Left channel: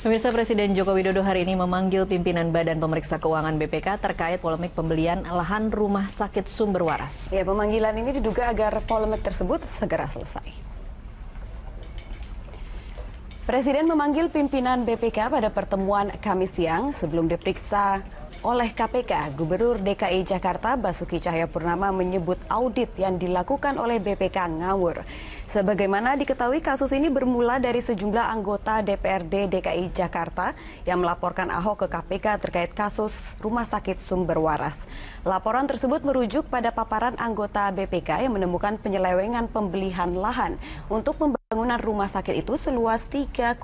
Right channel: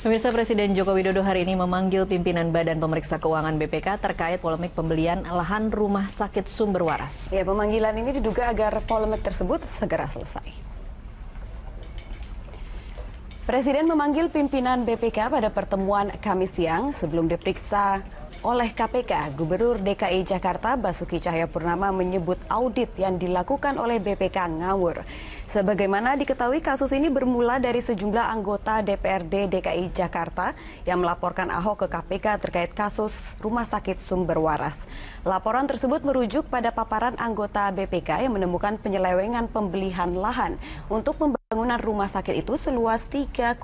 Pemirsa, Presiden Joko Widodo hari ini memanggil pimpinan Badan Pemeriksa Keuangan BPK terkait polemik pembelian lahan rumah sakit Sumber Waras. Ya, pemanggilan ini diduga agar polemik tersebut segera selesai. Presiden memanggil pimpinan BPK pada pertemuan Kamis siang sebelum diperiksa oleh KPK. Gubernur DKI Jakarta Basuki Cahayapurnama menyebut audit yang dilakukan oleh BPK ngawur. Sebagaimana diketahui, kasus ini bermula dari sejumlah anggota DPRD DKI Jakarta yang melaporkan Ahok ke KPK terkait kasus rumah sakit Sumber Waras. Laporan tersebut merujuk pada paparan anggota BPK yang menemukan penyelewengan pembelian lahan untuk pembangunan rumah sakit itu seluas 3,7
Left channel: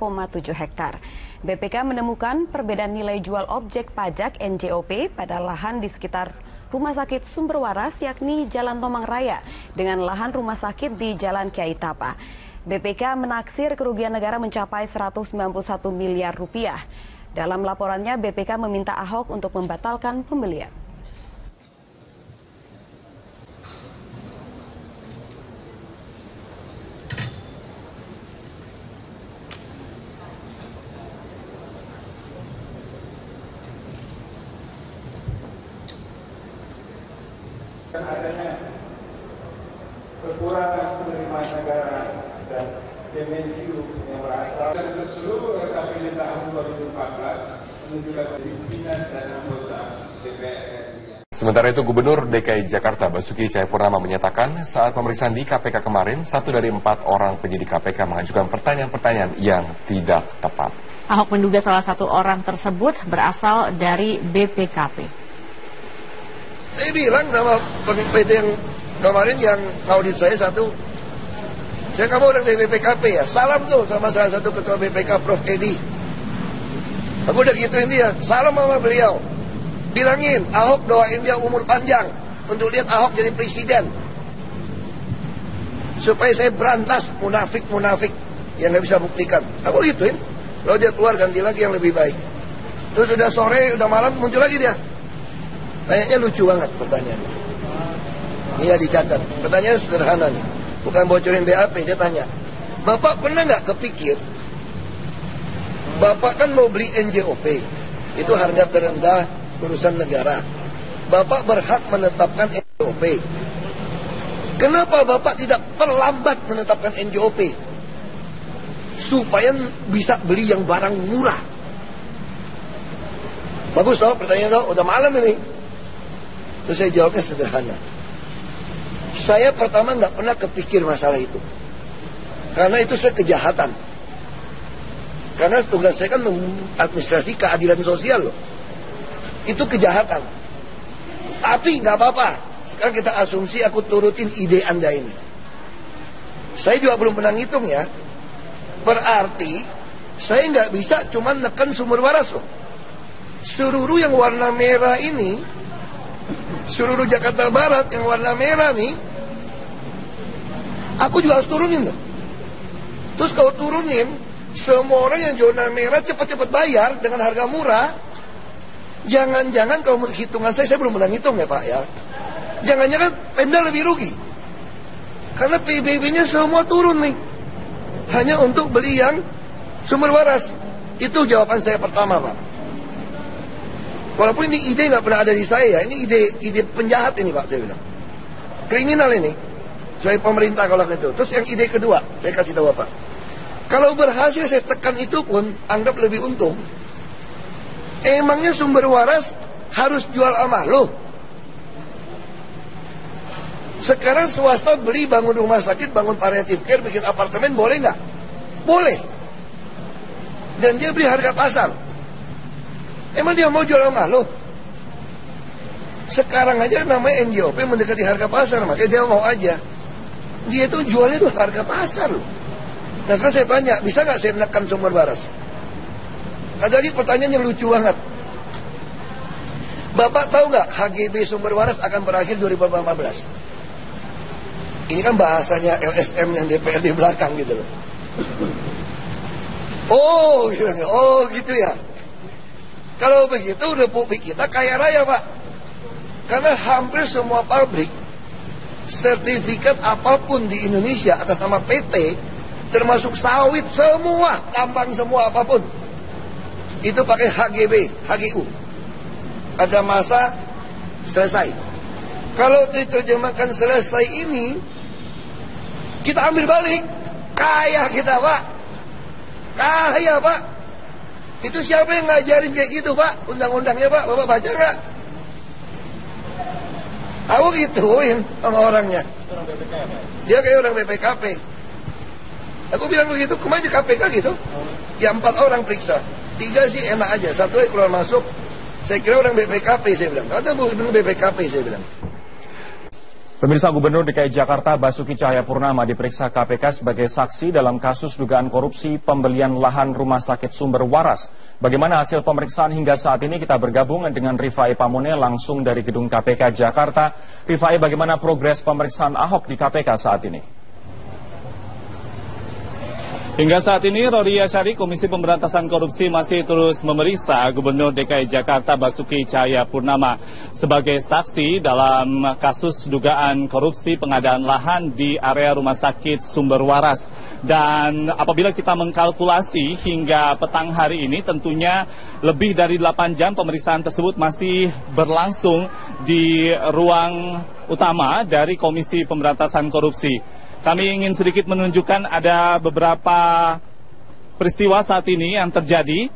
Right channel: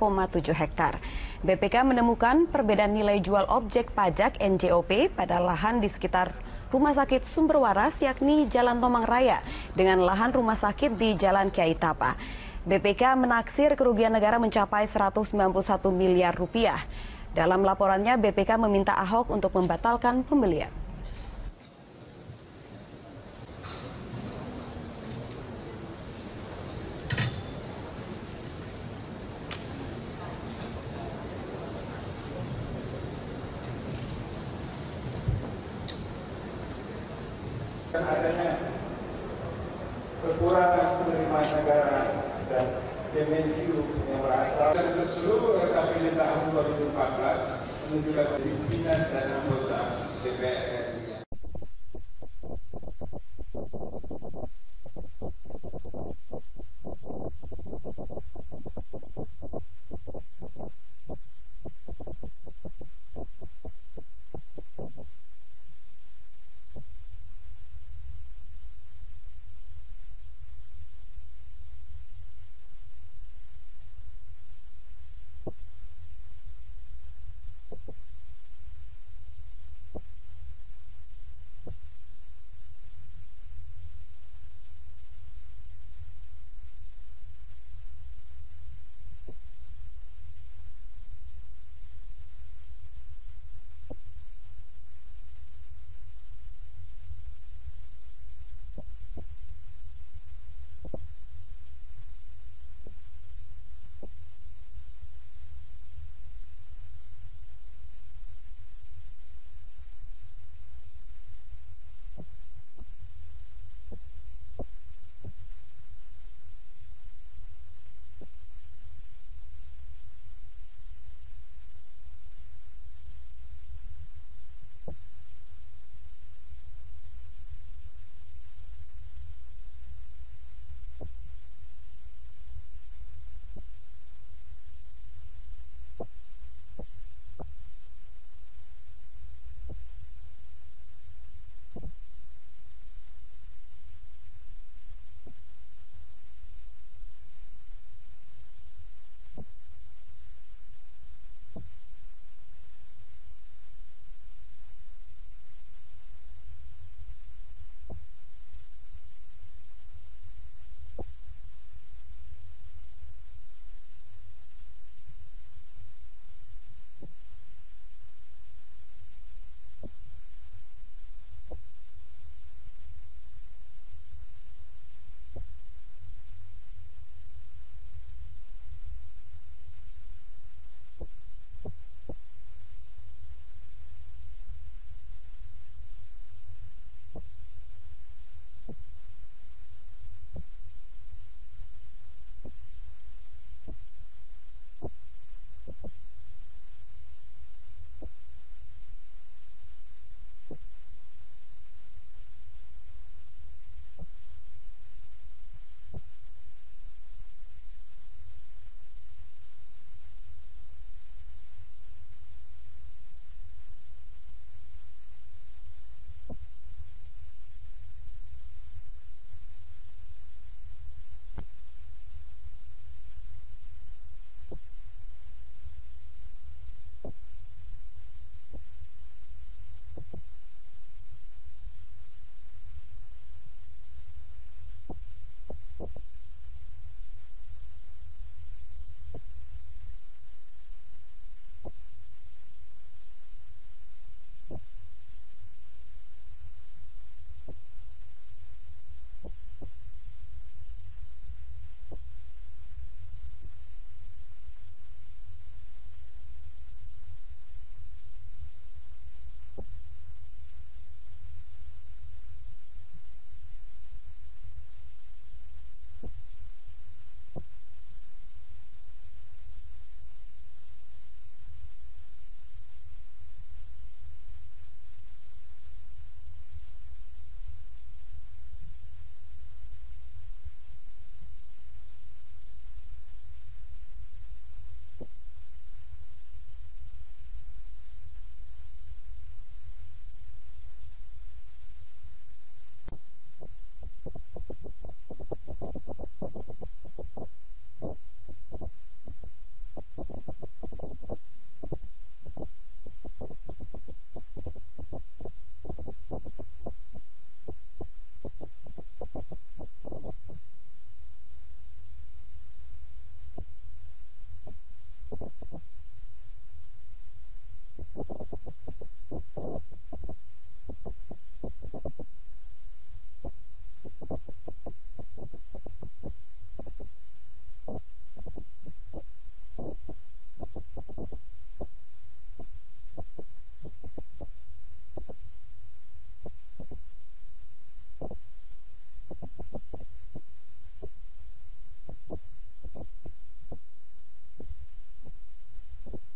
hektar. BPK menemukan perbedaan nilai jual objek pajak NJOP pada lahan di sekitar Rumah Sakit Sumber Waras, yakni Jalan Tomang Raya, dengan lahan rumah sakit di Jalan Kiai Tapa. BPK menaksir kerugian negara mencapai 191 miliar rupiah. Dalam laporannya, BPK meminta Ahok untuk membatalkan pembelian. Adanya kekurangan penerimaan negara dan Kemenlu yang berasal dari seluruh RKPD tahun 2014 menunjukkan pimpinan dan anggota DPR. Sementara itu, Gubernur DKI Jakarta Basuki Cahayapurnama menyatakan saat pemeriksaan di KPK kemarin, 1 dari 4 orang penyidik KPK mengajukan pertanyaan-pertanyaan yang tidak tepat. Ahok menduga salah satu orang tersebut berasal dari BPKP. Saya bilang sama PT yang kemarin yang audit saya satu, saya kamu orang dari BPKP ya, salam tuh sama salah satu ketua BPK Prof. Edi. Aku udah gituin dia, salam sama beliau. Bilangin, Ahok doain dia umur panjang untuk lihat Ahok jadi presiden. Supaya saya berantas munafik-munafik yang gak bisa buktikan. Aku gituin, kalau dia keluar ganti lagi yang lebih baik. Terus udah sore, udah malam muncul lagi dia. Kayaknya lucu banget pertanyaannya. Ini ya dicatat. Pertanyaan sederhana nih. Bukan bocorin BAP, dia tanya. Bapak pernah nggak kepikir, Bapak kan mau beli NJOP. Itu harga terendah urusan negara. Bapak berhak menetapkan NJOP. Kenapa Bapak tidak terlambat menetapkan NJOP? Supaya bisa beli yang barang murah. Bagus toh pertanyaan toh, udah malam ini. Terus saya jawabnya sederhana. Saya pertama nggak pernah kepikir masalah itu. Karena itu saya kejahatan. Karena tugas saya kan administrasi keadilan sosial loh. Itu kejahatan. Tapi nggak apa-apa. Sekarang kita asumsi aku turutin ide Anda ini. Saya juga belum pernah ngitung ya. Berarti saya nggak bisa cuma neken Sumber Waras loh. Seluruh yang warna merah ini, seluruh Jakarta Barat yang warna merah nih, aku juga harus turunin tuh. Terus kalau turunin, semua orang yang zona merah cepat-cepat bayar dengan harga murah. Jangan-jangan kalau hitungan saya belum pernah ngitung ya Pak ya. Jangan-jangan Pemda lebih rugi. Karena PBB-nya semua turun nih. Hanya untuk beli yang Sumber Waras. Itu jawaban saya pertama Pak. Walaupun ini ide nggak pernah ada di saya, ini ide penjahat ini Pak, saya bilang. Kriminal ini. Sebagai pemerintah kalau gitu. Terus yang ide kedua, saya kasih tahu Pak. Kalau berhasil saya tekan itu pun, anggap lebih untung. Emangnya Sumber Waras harus jual sama lo? Sekarang swasta beli bangun rumah sakit, bangun palliative care, bikin apartemen, boleh nggak? Boleh. Dan dia beli harga pasar. Emang dia mau jual sama lo? Sekarang aja namanya NJOP mendekati harga pasar, makanya dia mau aja. Dia tuh jualnya tuh harga pasar loh. Nah sekarang saya tanya, bisa nggak saya menekan Sumber Waras? Ada lagi pertanyaan yang lucu banget. Bapak tahu nggak HGB Sumber Waras akan berakhir 2018? Ini kan bahasanya LSM yang DPR di belakang gitu loh. Oh gitu ya. Kalau begitu Republik kita kaya raya Pak. Karena hampir semua pabrik, sertifikat apapun di Indonesia atas nama PT, termasuk sawit semua, tambang semua apapun, itu pakai HGB, HGU. Ada masa selesai. Kalau diterjemahkan selesai ini, kita ambil balik. Kaya kita, Pak. Kaya, Pak. Itu siapa yang ngajarin kayak gitu, Pak? Undang-undangnya, Pak. Bapak baca nggak? Aku gituin sama orangnya. Dia kayak orang BPKP. Aku bilang begitu, kemarin di KPK gitu. Ya 4 orang periksa. 3 sih enak aja, 1 keluar masuk. Saya kira orang BPKP, saya bilang. Kata bukan BPKP, saya bilang. Pemirsa, Gubernur DKI Jakarta Basuki Cahayapurnama diperiksa KPK sebagai saksi dalam kasus dugaan korupsi pembelian lahan rumah sakit Sumber Waras. Bagaimana hasil pemeriksaan hingga saat ini? Kita bergabung dengan Rifai Pamone langsung dari gedung KPK Jakarta. Rifai, bagaimana progres pemeriksaan Ahok di KPK saat ini? Hingga saat ini, Rory Asyari, Komisi Pemberantasan Korupsi masih terus memeriksa Gubernur DKI Jakarta Basuki Cahayapurnama sebagai saksi dalam kasus dugaan korupsi pengadaan lahan di area Rumah Sakit Sumber Waras. Dan apabila kita mengkalkulasi hingga petang hari ini, tentunya lebih dari 8 jam pemeriksaan tersebut masih berlangsung di ruang utama dari Komisi Pemberantasan Korupsi. Kami ingin sedikit menunjukkan ada beberapa peristiwa saat ini yang terjadi.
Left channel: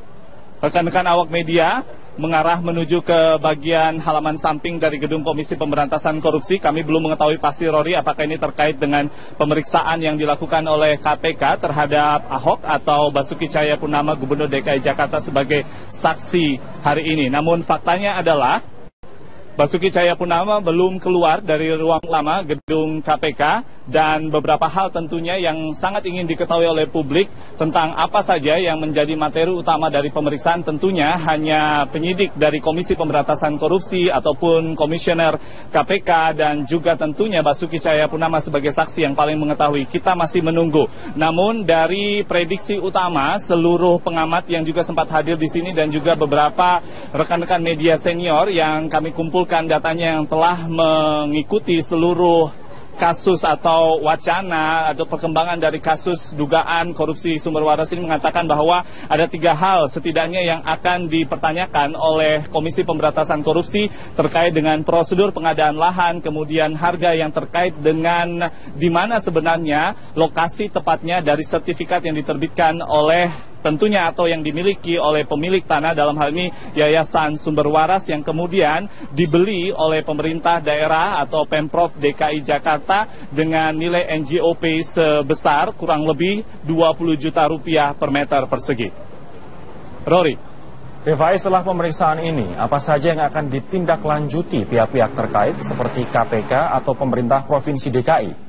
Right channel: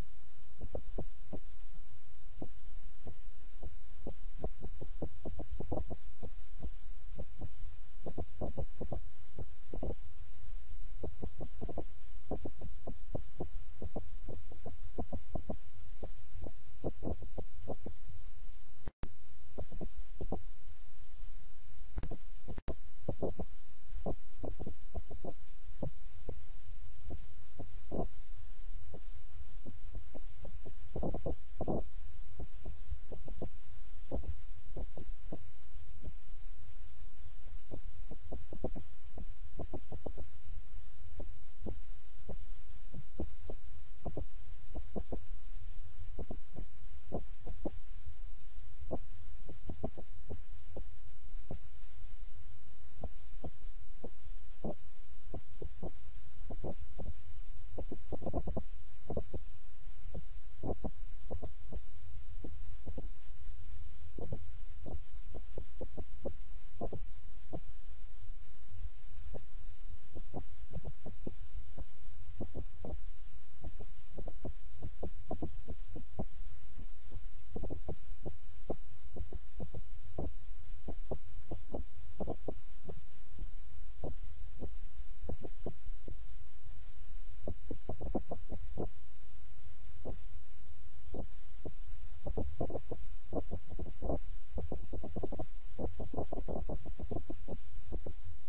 Rekan-rekan awak media mengarah menuju ke bagian halaman samping dari gedung Komisi Pemberantasan Korupsi. Kami belum mengetahui pasti, Rory, apakah ini terkait dengan pemeriksaan yang dilakukan oleh KPK terhadap Ahok atau Basuki Cahayapurnama Gubernur DKI Jakarta sebagai saksi hari ini. Namun faktanya adalah Basuki Cahayapurnama belum keluar dari ruang lama gedung KPK dan beberapa hal tentunya yang sangat ingin diketahui oleh publik tentang apa saja yang menjadi materi utama dari pemeriksaan tentunya hanya penyidik dari Komisi Pemberantasan Korupsi ataupun Komisioner KPK dan juga tentunya Basuki Cahayapurnama sebagai saksi yang paling mengetahui. Kita masih menunggu. Namun dari prediksi utama seluruh pengamat yang juga sempat hadir di sini dan juga beberapa rekan-rekan media senior yang kami kumpulkan datanya yang telah mengikuti seluruh kasus atau wacana atau perkembangan dari kasus dugaan korupsi Sumber Waras ini mengatakan bahwa ada 3 hal setidaknya yang akan dipertanyakan oleh Komisi Pemberantasan Korupsi terkait dengan prosedur pengadaan lahan, kemudian harga yang terkait dengan di mana sebenarnya lokasi tepatnya dari sertifikat yang diterbitkan oleh tentunya atau yang dimiliki oleh pemilik tanah, dalam hal ini Yayasan Sumber Waras yang kemudian dibeli oleh pemerintah daerah atau Pemprov DKI Jakarta dengan nilai NJOP sebesar kurang lebih 20 juta rupiah per meter persegi. Rory. Rifai, setelah pemeriksaan ini, apa saja yang akan ditindaklanjuti pihak-pihak terkait seperti KPK atau pemerintah Provinsi DKI?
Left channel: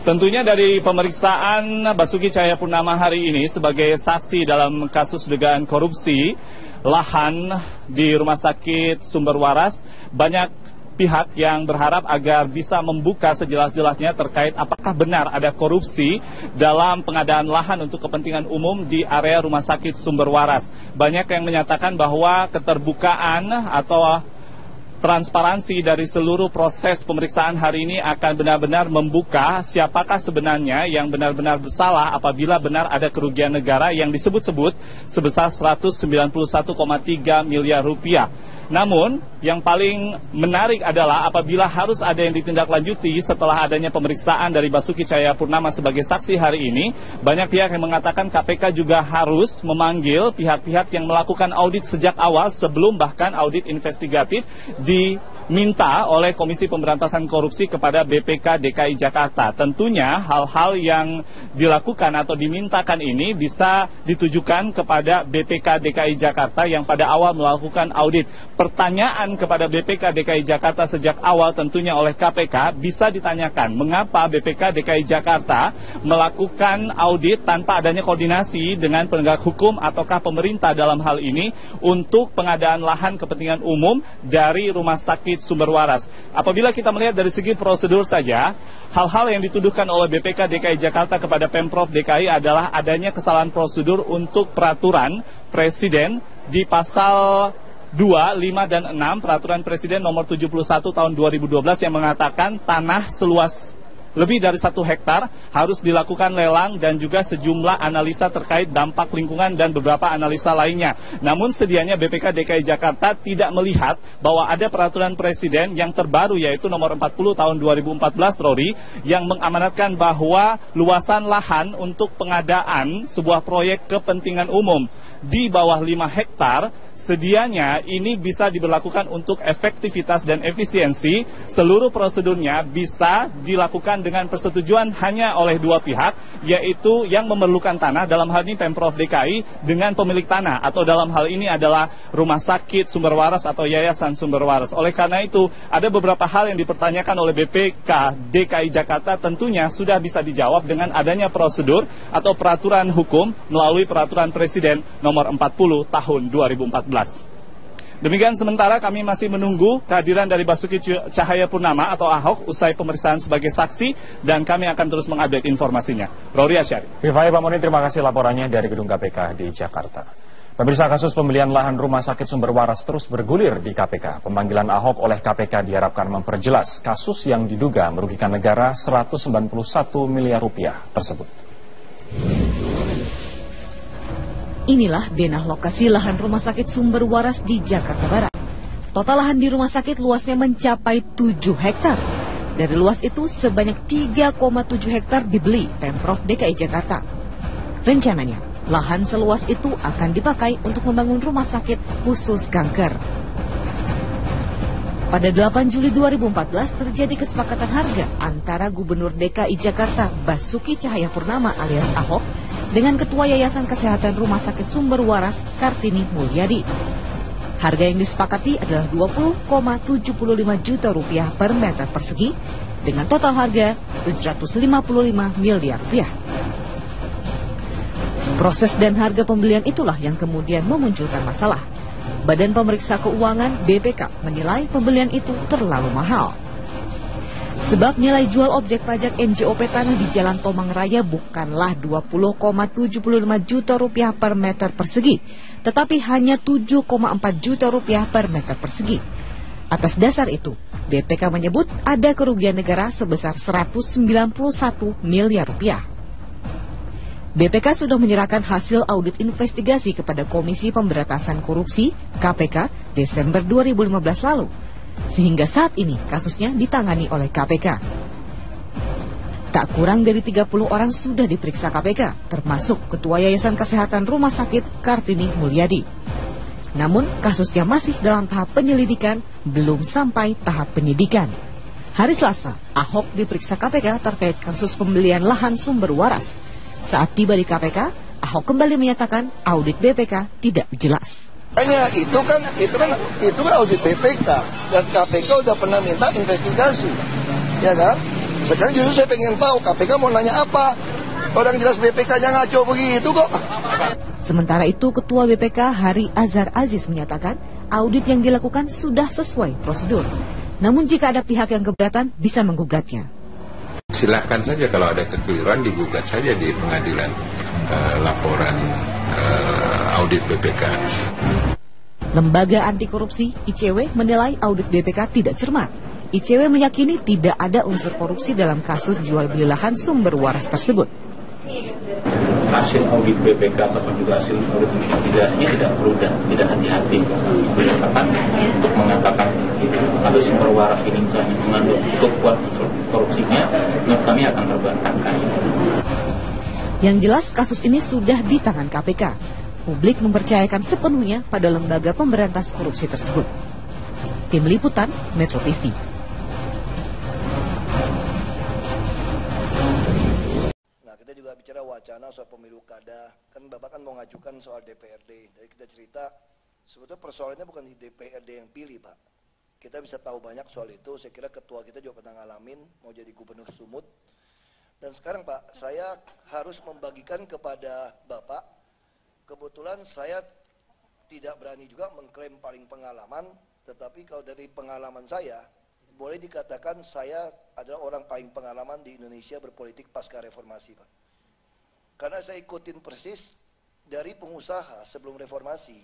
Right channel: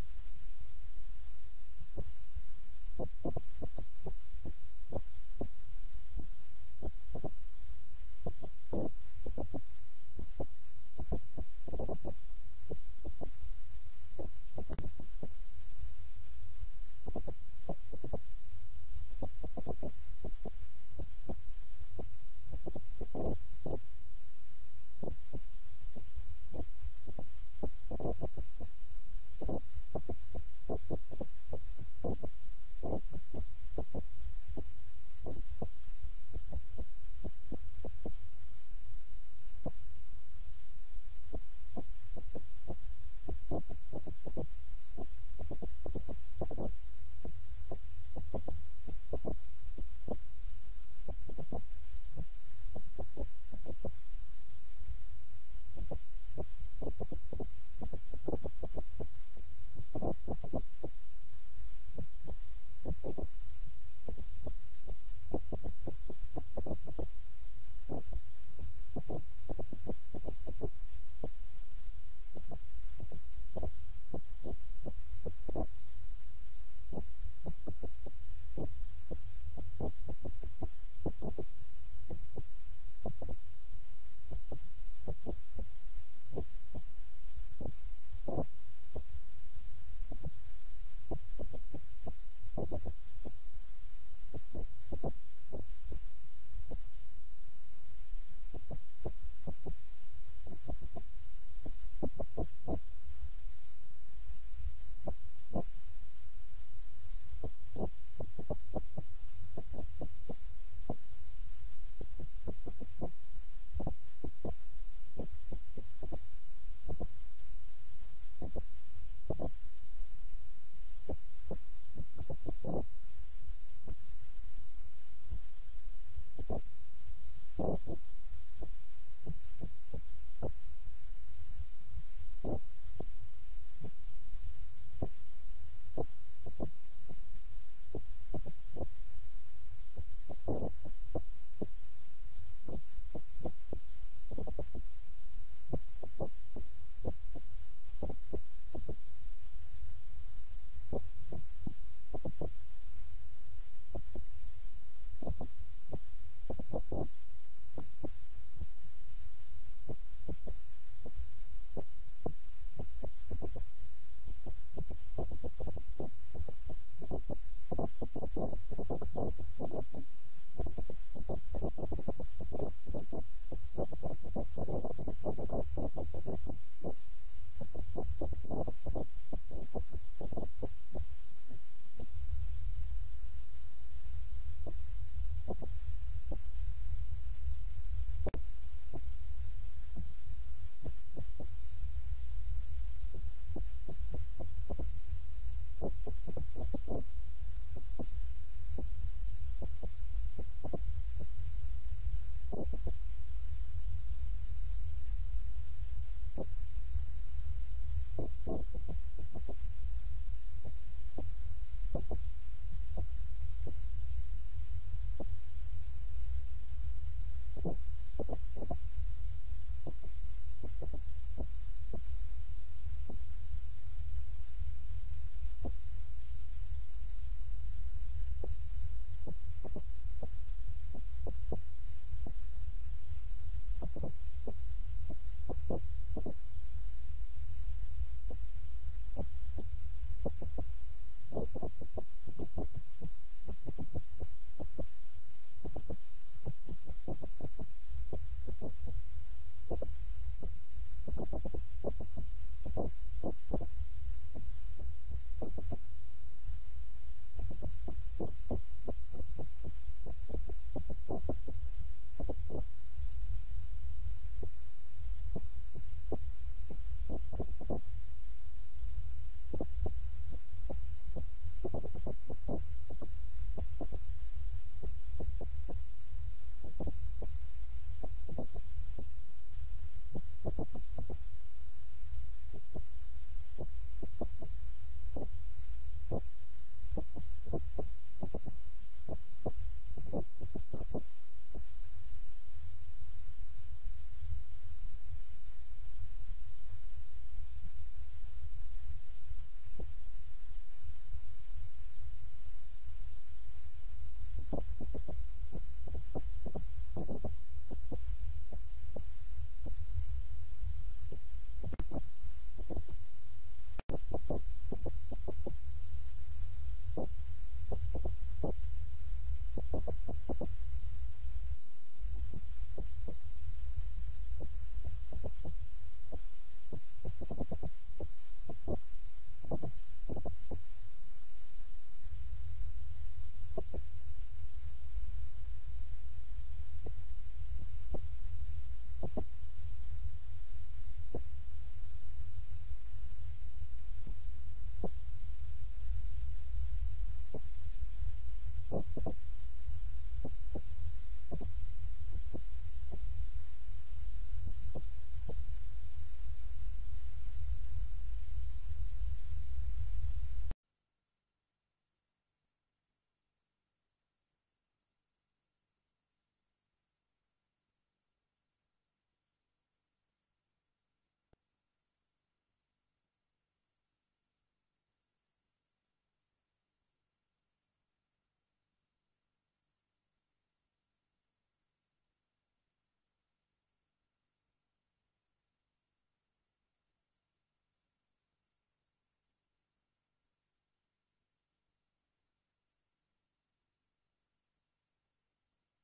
Tentunya dari pemeriksaan Basuki Cahayapurnama hari ini sebagai saksi dalam kasus dugaan korupsi lahan di Rumah Sakit Sumber Waras, banyak pihak yang berharap agar bisa membuka sejelas-jelasnya terkait apakah benar ada korupsi dalam pengadaan lahan untuk kepentingan umum di area Rumah Sakit Sumber Waras. Banyak yang menyatakan bahwa keterbukaan atau transparansi dari seluruh proses pemeriksaan hari ini akan benar-benar membuka siapakah sebenarnya yang benar-benar bersalah apabila benar ada kerugian negara yang disebut-sebut sebesar 191,3 miliar rupiah. Namun, yang paling menarik adalah apabila harus ada yang ditindaklanjuti setelah adanya pemeriksaan dari Basuki Cahayapurnama sebagai saksi hari ini, banyak pihak yang mengatakan KPK juga harus memanggil pihak-pihak yang melakukan audit sejak awal sebelum bahkan audit investigatif diminta oleh Komisi Pemberantasan Korupsi kepada BPK DKI Jakarta. Tentunya hal-hal yang dilakukan atau dimintakan ini bisa ditujukan kepada BPK DKI Jakarta yang pada awal melakukan audit. Pertanyaan kepada BPK DKI Jakarta sejak awal tentunya oleh KPK bisa ditanyakan mengapa BPK DKI Jakarta melakukan audit tanpa adanya koordinasi dengan penegak hukum ataukah pemerintah dalam hal ini untuk pengadaan lahan kepentingan umum dari Rumah Sakit Sumber Waras. Apabila kita melihat dari segi prosedur saja, hal-hal yang dituduhkan oleh BPK DKI Jakarta kepada Pemprov DKI adalah adanya kesalahan prosedur untuk peraturan Presiden di pasal 2, 5, dan 6 Peraturan Presiden nomor 71 tahun 2012 yang mengatakan tanah seluas lebih dari 1 hektar harus dilakukan lelang dan juga sejumlah analisa terkait dampak lingkungan dan beberapa analisa lainnya. Namun sedianya BPK DKI Jakarta tidak melihat bahwa ada peraturan presiden yang terbaru yaitu nomor 40 tahun 2014 Rory yang mengamanatkan bahwa luasan lahan untuk pengadaan sebuah proyek kepentingan umum di bawah 5 hektar sedianya ini bisa diberlakukan untuk efektivitas dan efisiensi. Seluruh prosedurnya bisa dilakukan dengan persetujuan hanya oleh 2 pihak, yaitu yang memerlukan tanah, dalam hal ini Pemprov DKI dengan pemilik tanah, atau dalam hal ini adalah Rumah Sakit Sumber Waras atau Yayasan Sumber Waras. Oleh karena itu, ada beberapa hal yang dipertanyakan oleh BPK DKI Jakarta tentunya sudah bisa dijawab dengan adanya prosedur atau peraturan hukum melalui peraturan Presiden nomor 40 tahun 2014. Demikian sementara kami masih menunggu kehadiran dari Basuki Cahayapurnama atau Ahok usai pemeriksaan sebagai saksi dan kami akan terus mengupdate informasinya. Rory Asyari. Rifai Pamuni, terima kasih laporannya dari Gedung KPK di Jakarta. Pemirsa, kasus pembelian lahan Rumah Sakit Sumber Waras terus bergulir di KPK. Pemanggilan Ahok oleh KPK diharapkan memperjelas kasus yang diduga merugikan negara 191 miliar rupiah tersebut. Inilah denah lokasi lahan Rumah Sakit Sumber Waras di Jakarta Barat. Total lahan di rumah sakit luasnya mencapai 7 hektar. Dari luas itu sebanyak 3,7 hektar dibeli Pemprov DKI Jakarta. Rencananya, lahan seluas itu akan dipakai untuk membangun rumah sakit khusus kanker. Pada 8 Juli 2014 terjadi kesepakatan harga antara Gubernur DKI Jakarta Basuki Cahayapurnama alias Ahok dengan Ketua Yayasan Kesehatan Rumah Sakit Sumber Waras Kartini Mulyadi. Harga yang disepakati adalah 20,75 juta rupiah per meter persegi dengan total harga 755 miliar rupiah. Proses dan harga pembelian itulah yang kemudian memunculkan masalah. Badan Pemeriksa Keuangan BPK menilai pembelian itu terlalu mahal. Sebab nilai jual objek pajak NJOP tanah di Jalan Tomang Raya bukanlah 20,75 juta rupiah per meter persegi, tetapi hanya 7,4 juta rupiah per meter persegi. Atas dasar itu, BPK menyebut ada kerugian negara sebesar 191 miliar rupiah. BPK sudah menyerahkan hasil audit investigasi kepada Komisi Pemberantasan Korupsi (KPK) Desember 2015 lalu. Sehingga saat ini kasusnya ditangani oleh KPK. Tak kurang dari 30 orang sudah diperiksa KPK, termasuk Ketua Yayasan Kesehatan Rumah Sakit Kartini Mulyadi. Namun kasusnya masih dalam tahap penyelidikan, belum sampai tahap penyidikan. Hari Selasa, Ahok diperiksa KPK terkait kasus pembelian lahan Sumber Waras. Saat tiba di KPK, Ahok kembali menyatakan audit BPK tidak jelas. Hanya itu kan audit BPK dan KPK udah pernah minta investigasi, ya kan? Sekarang justru saya pengen tahu KPK mau nanya apa? Orang jelas BPK-nya ngaco begitu kok. Sementara itu, Ketua BPK Hari Azhar Aziz menyatakan audit yang dilakukan sudah sesuai prosedur. Namun jika ada pihak yang keberatan, bisa menggugatnya. Silahkan saja kalau ada kekeliruan digugat saja di pengadilan laporan audit BPK. Lembaga Anti Korupsi ICW menilai audit BPK tidak cermat. ICW meyakini tidak ada unsur korupsi dalam kasus jual beli lahan Sumber Waras tersebut. Hasil audit BPK atau juga hasil audit investigasinya tidak perlu dan tidak hati-hati untuk mengatakan kasus Sumber Waras ini misalnya mengandung cukup kuat unsur korupsinya, menurut kami akan terbantahkan. Yang jelas kasus ini sudah di tangan KPK. Publik mempercayakan sepenuhnya pada lembaga pemberantas korupsi tersebut. Tim Liputan Metro TV. Nah, kita juga bicara wacana soal pemilu kada. Kan Bapak kan mau ngajukan soal DPRD. Jadi kita cerita sebetulnya persoalannya bukan di DPRD yang pilih, Pak. Kita bisa tahu banyak soal itu. Saya kira ketua kita juga pernah ngalamin mau jadi gubernur Sumut. Dan sekarang Pak, saya harus membagikan kepada Bapak. Kebetulan saya tidak berani juga mengklaim paling pengalaman, tetapi kalau dari pengalaman saya, boleh dikatakan saya adalah orang paling pengalaman di Indonesia berpolitik pasca reformasi, Pak. Karena saya ikutin persis dari pengusaha sebelum reformasi.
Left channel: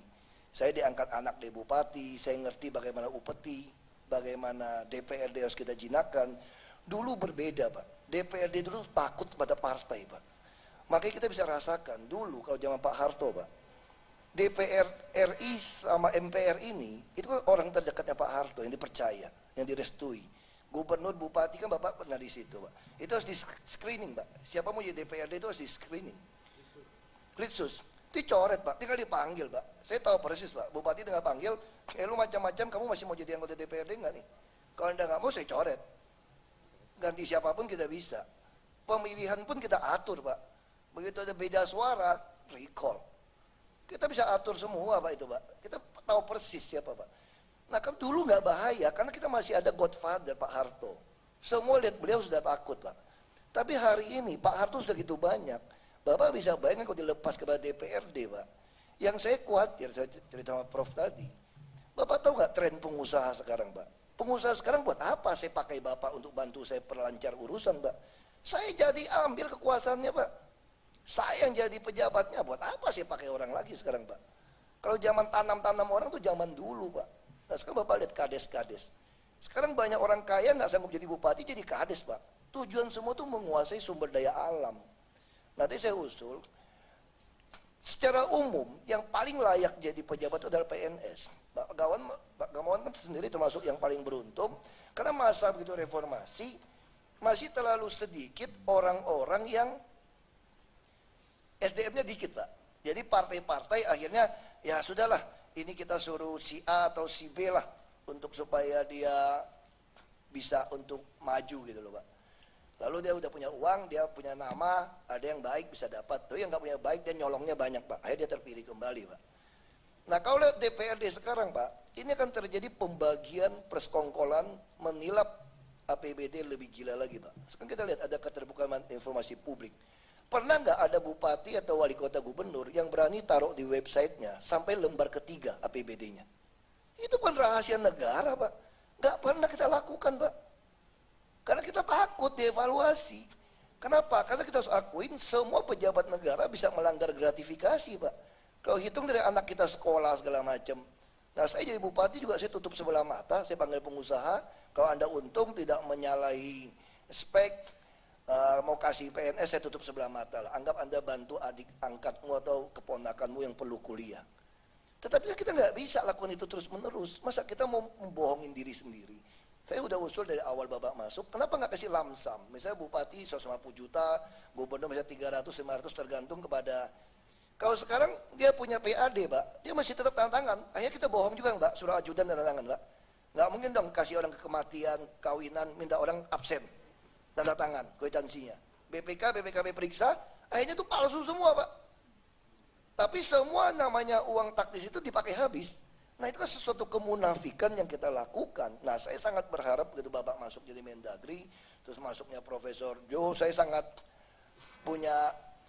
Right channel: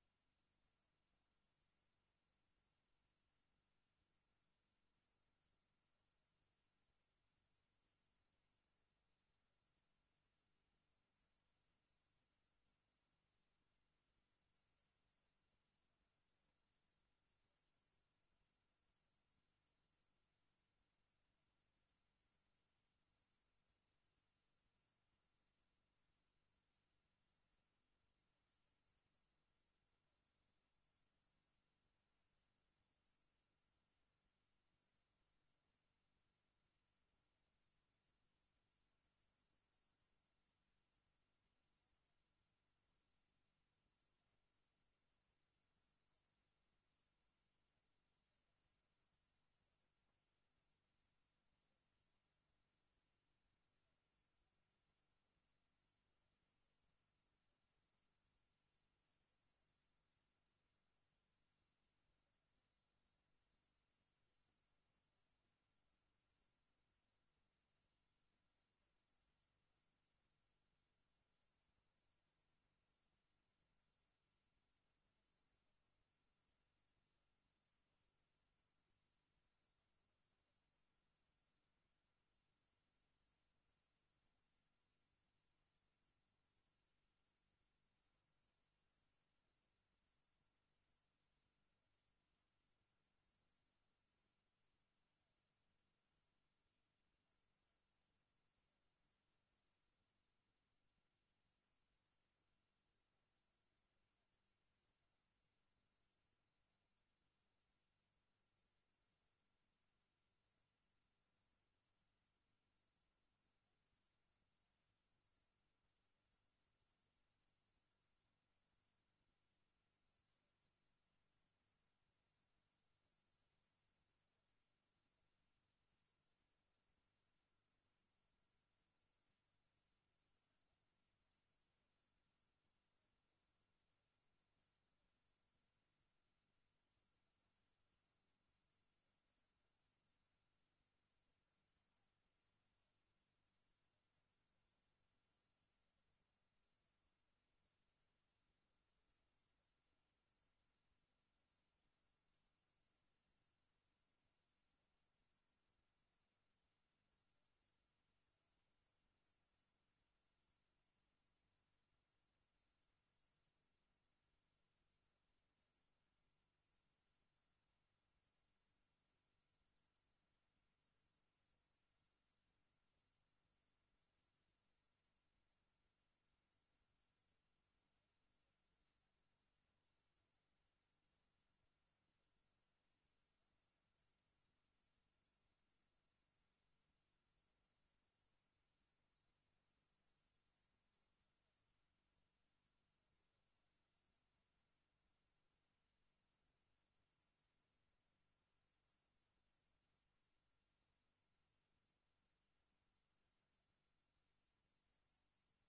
Saya diangkat anak dari bupati, saya ngerti bagaimana upeti, bagaimana DPRD harus kita jinakkan. Dulu berbeda, Pak. DPRD dulu takut pada partai, Pak. Makanya kita bisa rasakan dulu kalau zaman Pak Harto, Pak, DPR RI sama MPR ini itu kan orang terdekatnya Pak Harto yang dipercaya, yang direstui. Gubernur, bupati kan Bapak pernah di situ, Pak. Itu harus di screening, Pak. Siapa mau jadi DPRD itu harus di screening. Litsus, dicoret, Pak. Tinggal dipanggil, Pak. Saya tahu persis, Pak. Bupati tinggal panggil, lu macam-macam, kamu masih mau jadi anggota DPRD nggak nih? Kalau Anda nggak mau, saya coret. Ganti siapapun kita bisa. Pemilihan pun kita atur, Pak. Begitu ada beda suara, recall. Kita bisa atur semua, Pak, itu, Pak. Kita tahu persis siapa, Pak. Nah, kan dulu nggak bahaya, karena kita masih ada Godfather, Pak Harto. Semua lihat beliau sudah takut, Pak. Tapi hari ini, Pak Harto sudah gitu banyak. Bapak bisa bayangkan kalau dilepas kepada DPRD, Pak. Yang saya khawatir, saya cerita sama Prof tadi. Bapak tahu nggak tren pengusaha sekarang, Pak? Pengusaha sekarang buat apa saya pakai Bapak untuk bantu saya perlancar urusan, Pak? Saya jadi ambil kekuasaannya, Pak. Saya yang jadi pejabatnya, buat apa saya pakai orang lagi sekarang, Pak? Kalau zaman tanam-tanam orang tuh zaman dulu, Pak. Nah, sekarang Bapak lihat kades-kades. Sekarang banyak orang kaya nggak sanggup jadi bupati, jadi kades, Pak. Tujuan semua tuh menguasai sumber daya alam. Nanti saya usul, secara umum yang paling layak jadi pejabat itu adalah PNS. Pak Gamawan kan sendiri termasuk yang paling beruntung, karena masa begitu reformasi masih terlalu sedikit orang-orang yang SDM-nya dikit, Pak. Jadi partai-partai akhirnya ya sudahlah, ini kita suruh si A atau si B lah untuk supaya dia bisa untuk maju gitu loh, Pak. Lalu dia udah punya uang, dia punya nama, ada yang baik bisa dapat. Tapi yang nggak punya baik dia nyolongnya banyak, Pak. Akhirnya dia terpilih kembali, Pak. Nah, kalau lihat DPRD sekarang, Pak, ini akan terjadi pembagian persekongkolan menilap APBD lebih gila lagi, Pak. Sekarang kita lihat ada keterbukaan informasi publik. Pernah nggak ada bupati atau wali kota gubernur yang berani taruh di websitenya sampai lembar ketiga APBD-nya? Itu kan rahasia negara, Pak. Nggak pernah kita lakukan, Pak. Karena kita takut dievaluasi. Kenapa? Karena kita harus akuin semua pejabat negara bisa melanggar gratifikasi, Pak. Kalau hitung dari anak kita sekolah segala macam. Nah, saya jadi bupati juga saya tutup sebelah mata, saya panggil pengusaha. Kalau Anda untung tidak menyalahi spek, mau kasih PNS, saya tutup sebelah mata lah. Anggap Anda bantu adik angkatmu atau keponakanmu yang perlu kuliah. Tetapi kita nggak bisa lakukan itu terus menerus. Masa kita mau membohongin diri sendiri? Saya udah usul dari awal Bapak masuk, kenapa nggak kasih lamsam? Misalnya bupati 150 juta, gubernur misalnya 300, 500 tergantung kepada. Kalau sekarang dia punya PAD, Pak, dia masih tetap tanda tangan. Akhirnya kita bohong juga, Pak, surat ajudan tanda tangan, Pak. Nggak mungkin dong kasih orang kematian, kawinan, minta orang absen, tanda tangan, kwitansinya. BPKB periksa, akhirnya itu palsu semua, Pak. Tapi semua namanya uang taktis itu dipakai habis. Nah, itu kan sesuatu kemunafikan yang kita lakukan. Nah, saya sangat berharap begitu Bapak masuk jadi Mendagri, terus masuknya Profesor Jo, saya sangat punya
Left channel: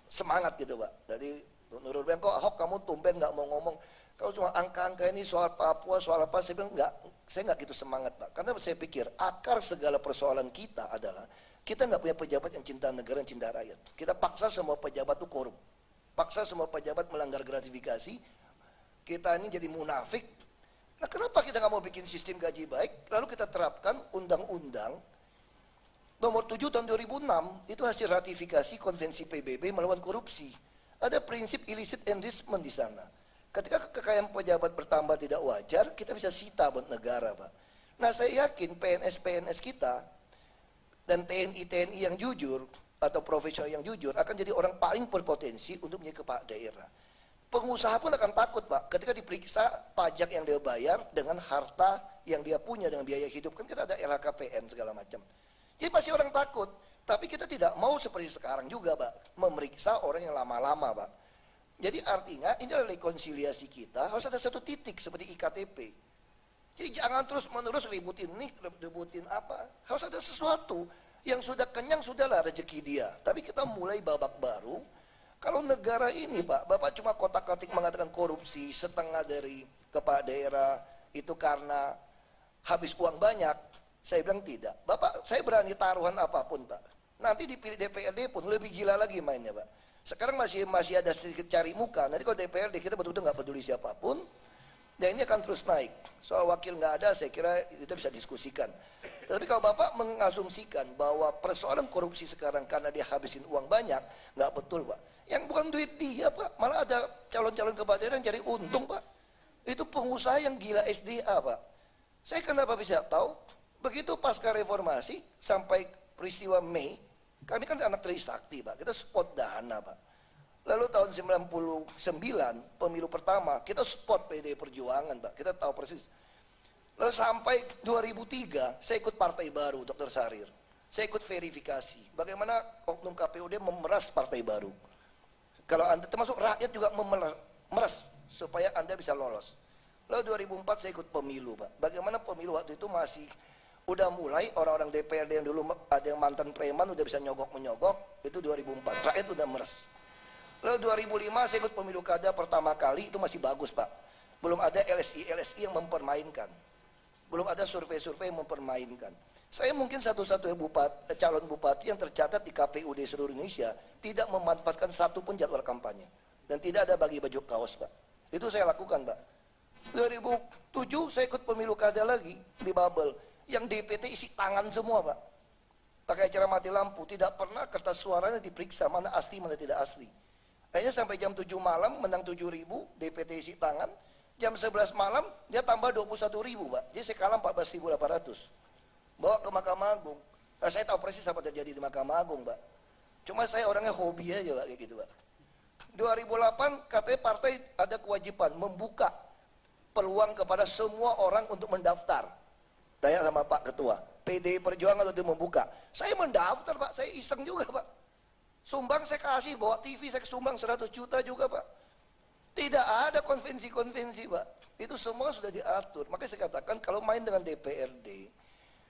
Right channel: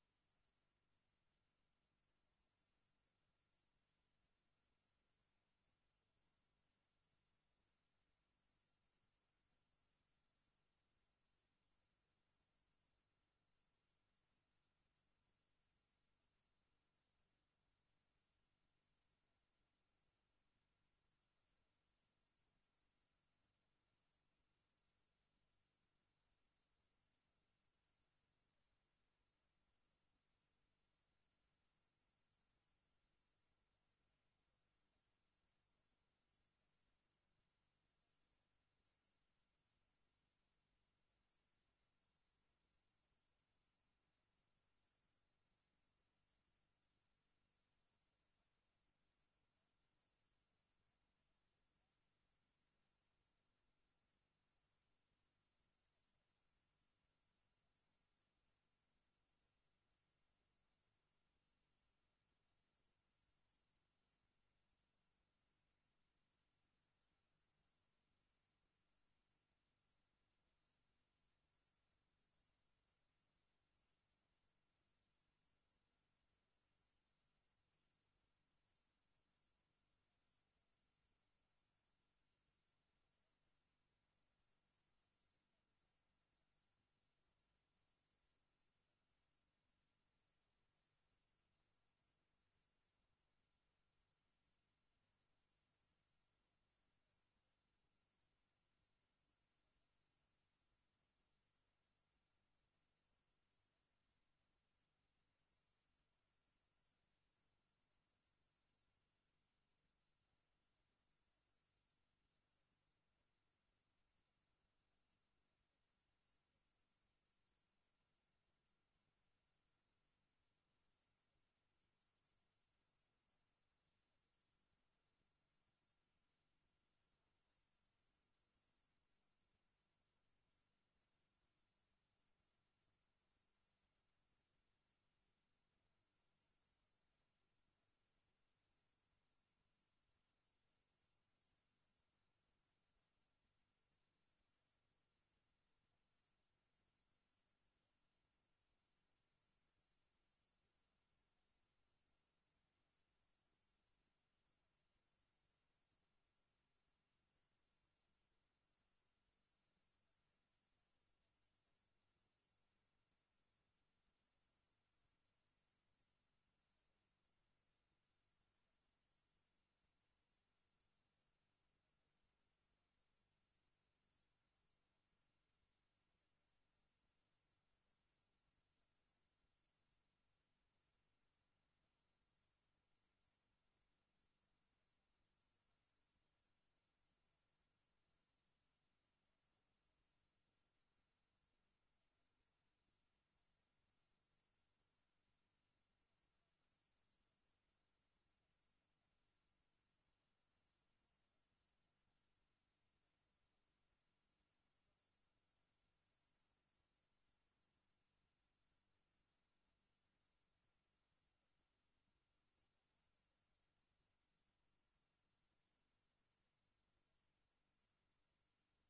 semangat gitu, Pak. Jadi Nurul bilang, kok Ahok kamu tumben nggak mau ngomong, kalau cuma angka-angka ini soal Papua, soal apa, saya bilang saya nggak gitu semangat, Pak. Karena saya pikir akar segala persoalan kita adalah kita nggak punya pejabat yang cinta negara, yang cinta rakyat. Kita paksa semua pejabat itu korup, paksa semua pejabat melanggar gratifikasi. Kita ini jadi munafik. Nah, kenapa kita nggak mau bikin sistem gaji baik, lalu kita terapkan undang-undang nomor 7 tahun 2006, itu hasil ratifikasi konvensi PBB melawan korupsi. Ada prinsip illicit enrichment di sana. Ketika kekayaan pejabat bertambah tidak wajar, kita bisa sita buat negara, Pak. Nah, saya yakin PNS kita dan TNI yang jujur atau profesional yang jujur akan jadi orang paling berpotensi untuk menjadi kepala daerah. Pengusaha pun akan takut, Pak, ketika diperiksa pajak yang dia bayar dengan harta yang dia punya dengan biaya hidup. Kan kita ada LHKPN segala macam. Jadi pasti orang takut. Tapi kita tidak mau seperti sekarang juga, Pak, memeriksa orang yang lama-lama, Pak. Jadi artinya ini adalah rekonsiliasi kita, harus ada satu titik seperti IKTP. Jadi jangan terus menerus ributin ini, ributin apa. Harus ada sesuatu yang sudah kenyang, sudahlah rezeki dia. Tapi kita mulai babak baru. Kalau negara ini, Pak, Bapak cuma kotak-katik mengatakan korupsi, setengah dari kepala daerah itu karena habis uang banyak. Saya bilang tidak. Bapak, saya berani taruhan apapun, Pak. Nanti dipilih DPRD pun lebih gila lagi mainnya, Pak. Sekarang masih ada sedikit cari muka. Nanti kalau DPRD kita betul-betul nggak peduli siapapun, dan ini akan terus naik. Soal wakil nggak ada, saya kira kita bisa diskusikan. Tapi kalau Bapak mengasumsikan bahwa persoalan korupsi sekarang karena dia habisin uang banyak, nggak betul Pak. Yang bukan duit dia Pak, malah ada calon-calon kepala daerah yang cari untung Pak. Itu pengusaha yang gila SDA Pak. Saya kenapa bisa tahu? Begitu pasca reformasi sampai peristiwa Mei, kami kan anak Trisakti Pak, kita spot dana Pak. Lalu tahun 99, pemilu pertama, kita spot PDI Perjuangan Pak, kita tahu persis. Lalu sampai 2003, saya ikut partai baru, Dr. Sarir. Saya ikut verifikasi, bagaimana oknum KPUD memeras partai baru. Kalau Anda, termasuk rakyat juga memeras, supaya Anda bisa lolos. Lalu 2004 saya ikut pemilu Pak. Bagaimana pemilu waktu itu masih, udah mulai orang-orang DPRD yang dulu ada yang mantan preman, udah bisa nyogok-menyogok, itu 2004, rakyat udah meres. Lalu 2005 saya ikut pemilu kada pertama kali, itu masih bagus Pak. Belum ada LSI yang mempermainkan. Belum ada survei-survei yang mempermainkan. Saya mungkin satu-satunya calon bupati yang tercatat di KPUD seluruh Indonesia tidak memanfaatkan satu pun jadwal kampanye. Dan tidak ada bagi baju kaos Pak. Itu saya lakukan Pak. 2007 saya ikut pemilu kada lagi di Babel. Yang DPT isi tangan semua Pak. Pakai cara mati lampu. Tidak pernah kertas suaranya diperiksa mana asli mana tidak asli. Akhirnya sampai jam 7 malam menang 7.000 DPT isi tangan. Jam 11 malam dia tambah 21.000 Pak. Jadi saya kalah 14.800. Bawa ke Mahkamah Agung. Nah, saya tahu persis apa terjadi di Mahkamah Agung Pak. Cuma saya orangnya hobi aja Pak, kayak gitu Pak. 2008 katanya partai ada kewajiban membuka peluang kepada semua orang untuk mendaftar. Tanya sama Pak Ketua, PDI Perjuangan itu membuka. Saya mendaftar Pak, saya iseng juga Pak. Sumbang saya kasih, bawa TV saya sumbang 100 juta juga Pak. Tidak ada konvensi-konvensi Pak. Itu semua sudah diatur. Makanya saya katakan kalau main dengan DPRD,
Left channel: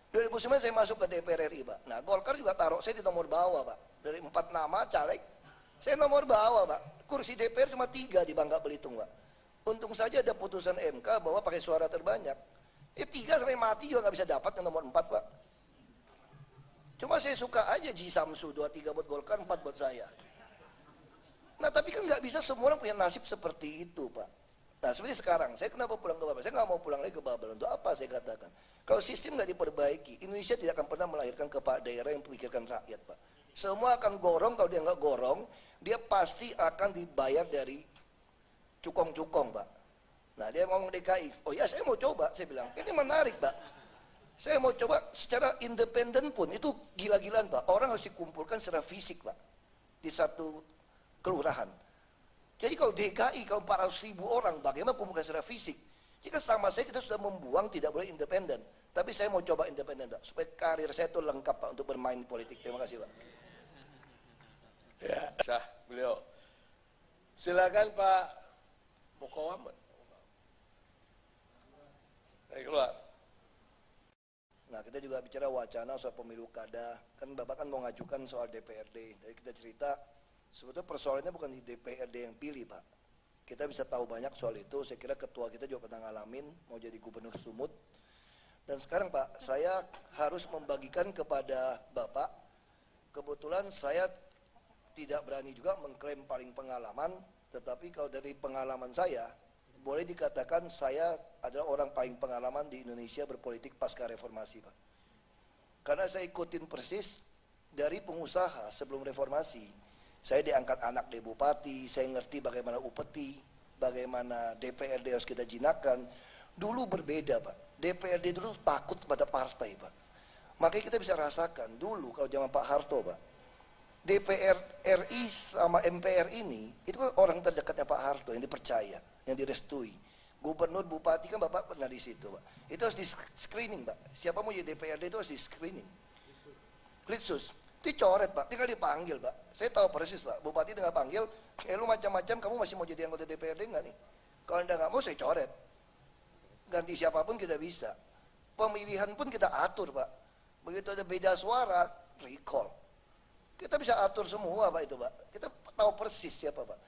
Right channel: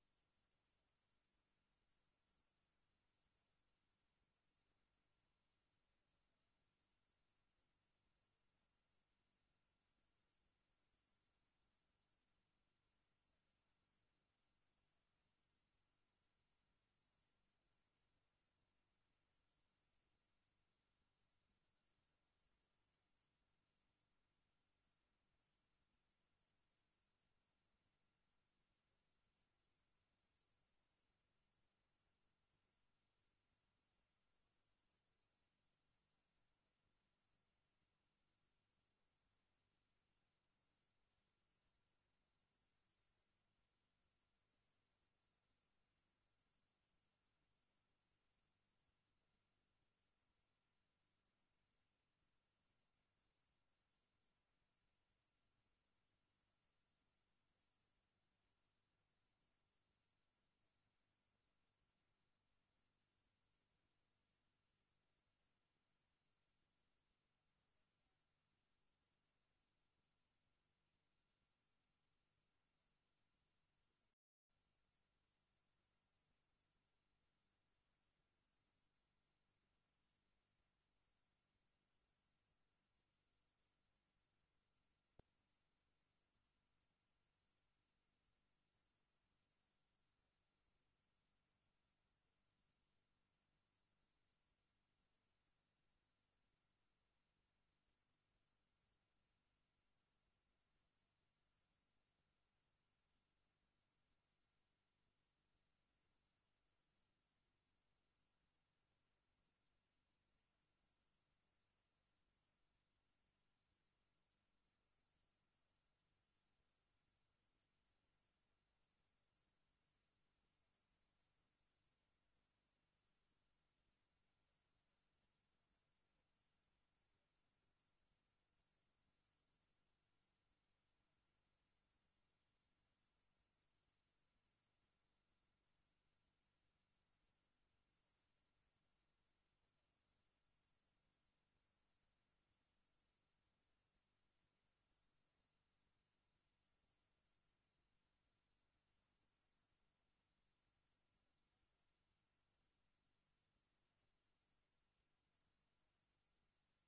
2009 saya masuk ke DPR RI Pak. Nah Golkar juga taruh saya di nomor bawah Pak. Dari 4 nama caleg, saya nomor bawah Pak. Kursi DPR cuma 3 di Bangka Belitung Pak. Untung saja ada putusan MK bahwa pakai suara terbanyak. 3 sampai mati juga nggak bisa dapat yang nomor 4 Pak. Cuma saya suka aja Ji Samsu, 2-3 buat Golkar, 4 buat saya. Nah tapi kan nggak bisa semua orang punya nasib seperti itu Pak. Nah seperti sekarang, saya kenapa pulang ke Babel? Saya nggak mau pulang lagi ke Babel. Untuk apa saya katakan? Kalau sistem nggak diperbaiki, Indonesia tidak akan pernah melahirkan kepala daerah yang memikirkan rakyat Pak. Semua akan gorong, kalau dia nggak gorong, dia pasti akan dibayar dari cukong-cukong Pak. Nah dia ngomong DKI, oh ya saya mau coba, saya bilang, ini menarik Pak. Saya mau coba secara independen pun, itu gila-gilaan Pak. Orang harus dikumpulkan secara fisik Pak. Di satu kelurahan. Jadi kalau DKI, kalau 400.000 orang, bagaimana kumpulkan secara fisik? Jika sama saya kita sudah membuang tidak boleh independen. Tapi saya mau coba independen Pak, supaya karir saya itu lengkap Pak untuk bermain politik. Terima kasih Pak. Ya, sah beliau. Silakan Pak Mukawaman. Ayo keluar. Nah kita juga bicara wacana soal pemilu kada. Kan Bapak kan mau ngajukan soal DPRD. Jadi kita cerita sebetulnya persoalannya bukan di DPRD yang pilih Pak. Kita bisa tahu banyak soal itu. Saya kira ketua kita juga pernah ngalamin mau jadi gubernur Sumut. Dan sekarang Pak, saya harus membagikan kepada Bapak. Kebetulan saya tidak berani juga mengklaim paling pengalaman. Tetapi kalau dari pengalaman saya, boleh dikatakan saya adalah orang paling pengalaman di Indonesia berpolitik pasca reformasi Pak. Karena saya ikutin persis dari pengusaha sebelum reformasi. Saya diangkat anak dari bupati, saya ngerti bagaimana upeti, bagaimana DPRD harus kita jinakkan. Dulu berbeda Pak, DPRD dulu takut kepada partai Pak. Makanya kita bisa rasakan dulu kalau zaman Pak Harto Pak, DPR RI sama MPR ini, itu kan orang terdekatnya Pak Harto yang dipercaya, yang direstui. Gubernur, bupati kan Bapak pernah di situ Pak. Itu harus di screening Pak, siapa mau jadi DPRD itu harus di screening. Litsus. Dicoret Pak, tinggal dipanggil Pak. Saya tahu persis Pak, bupati tinggal panggil, lu macam-macam, kamu masih mau jadi anggota DPRD nggak nih? Kalau anda nggak mau, saya coret. Ganti siapapun kita bisa. Pemilihan pun kita atur Pak. Begitu ada beda suara, recall. Kita bisa atur semua Pak itu Pak. Kita tahu persis siapa Pak.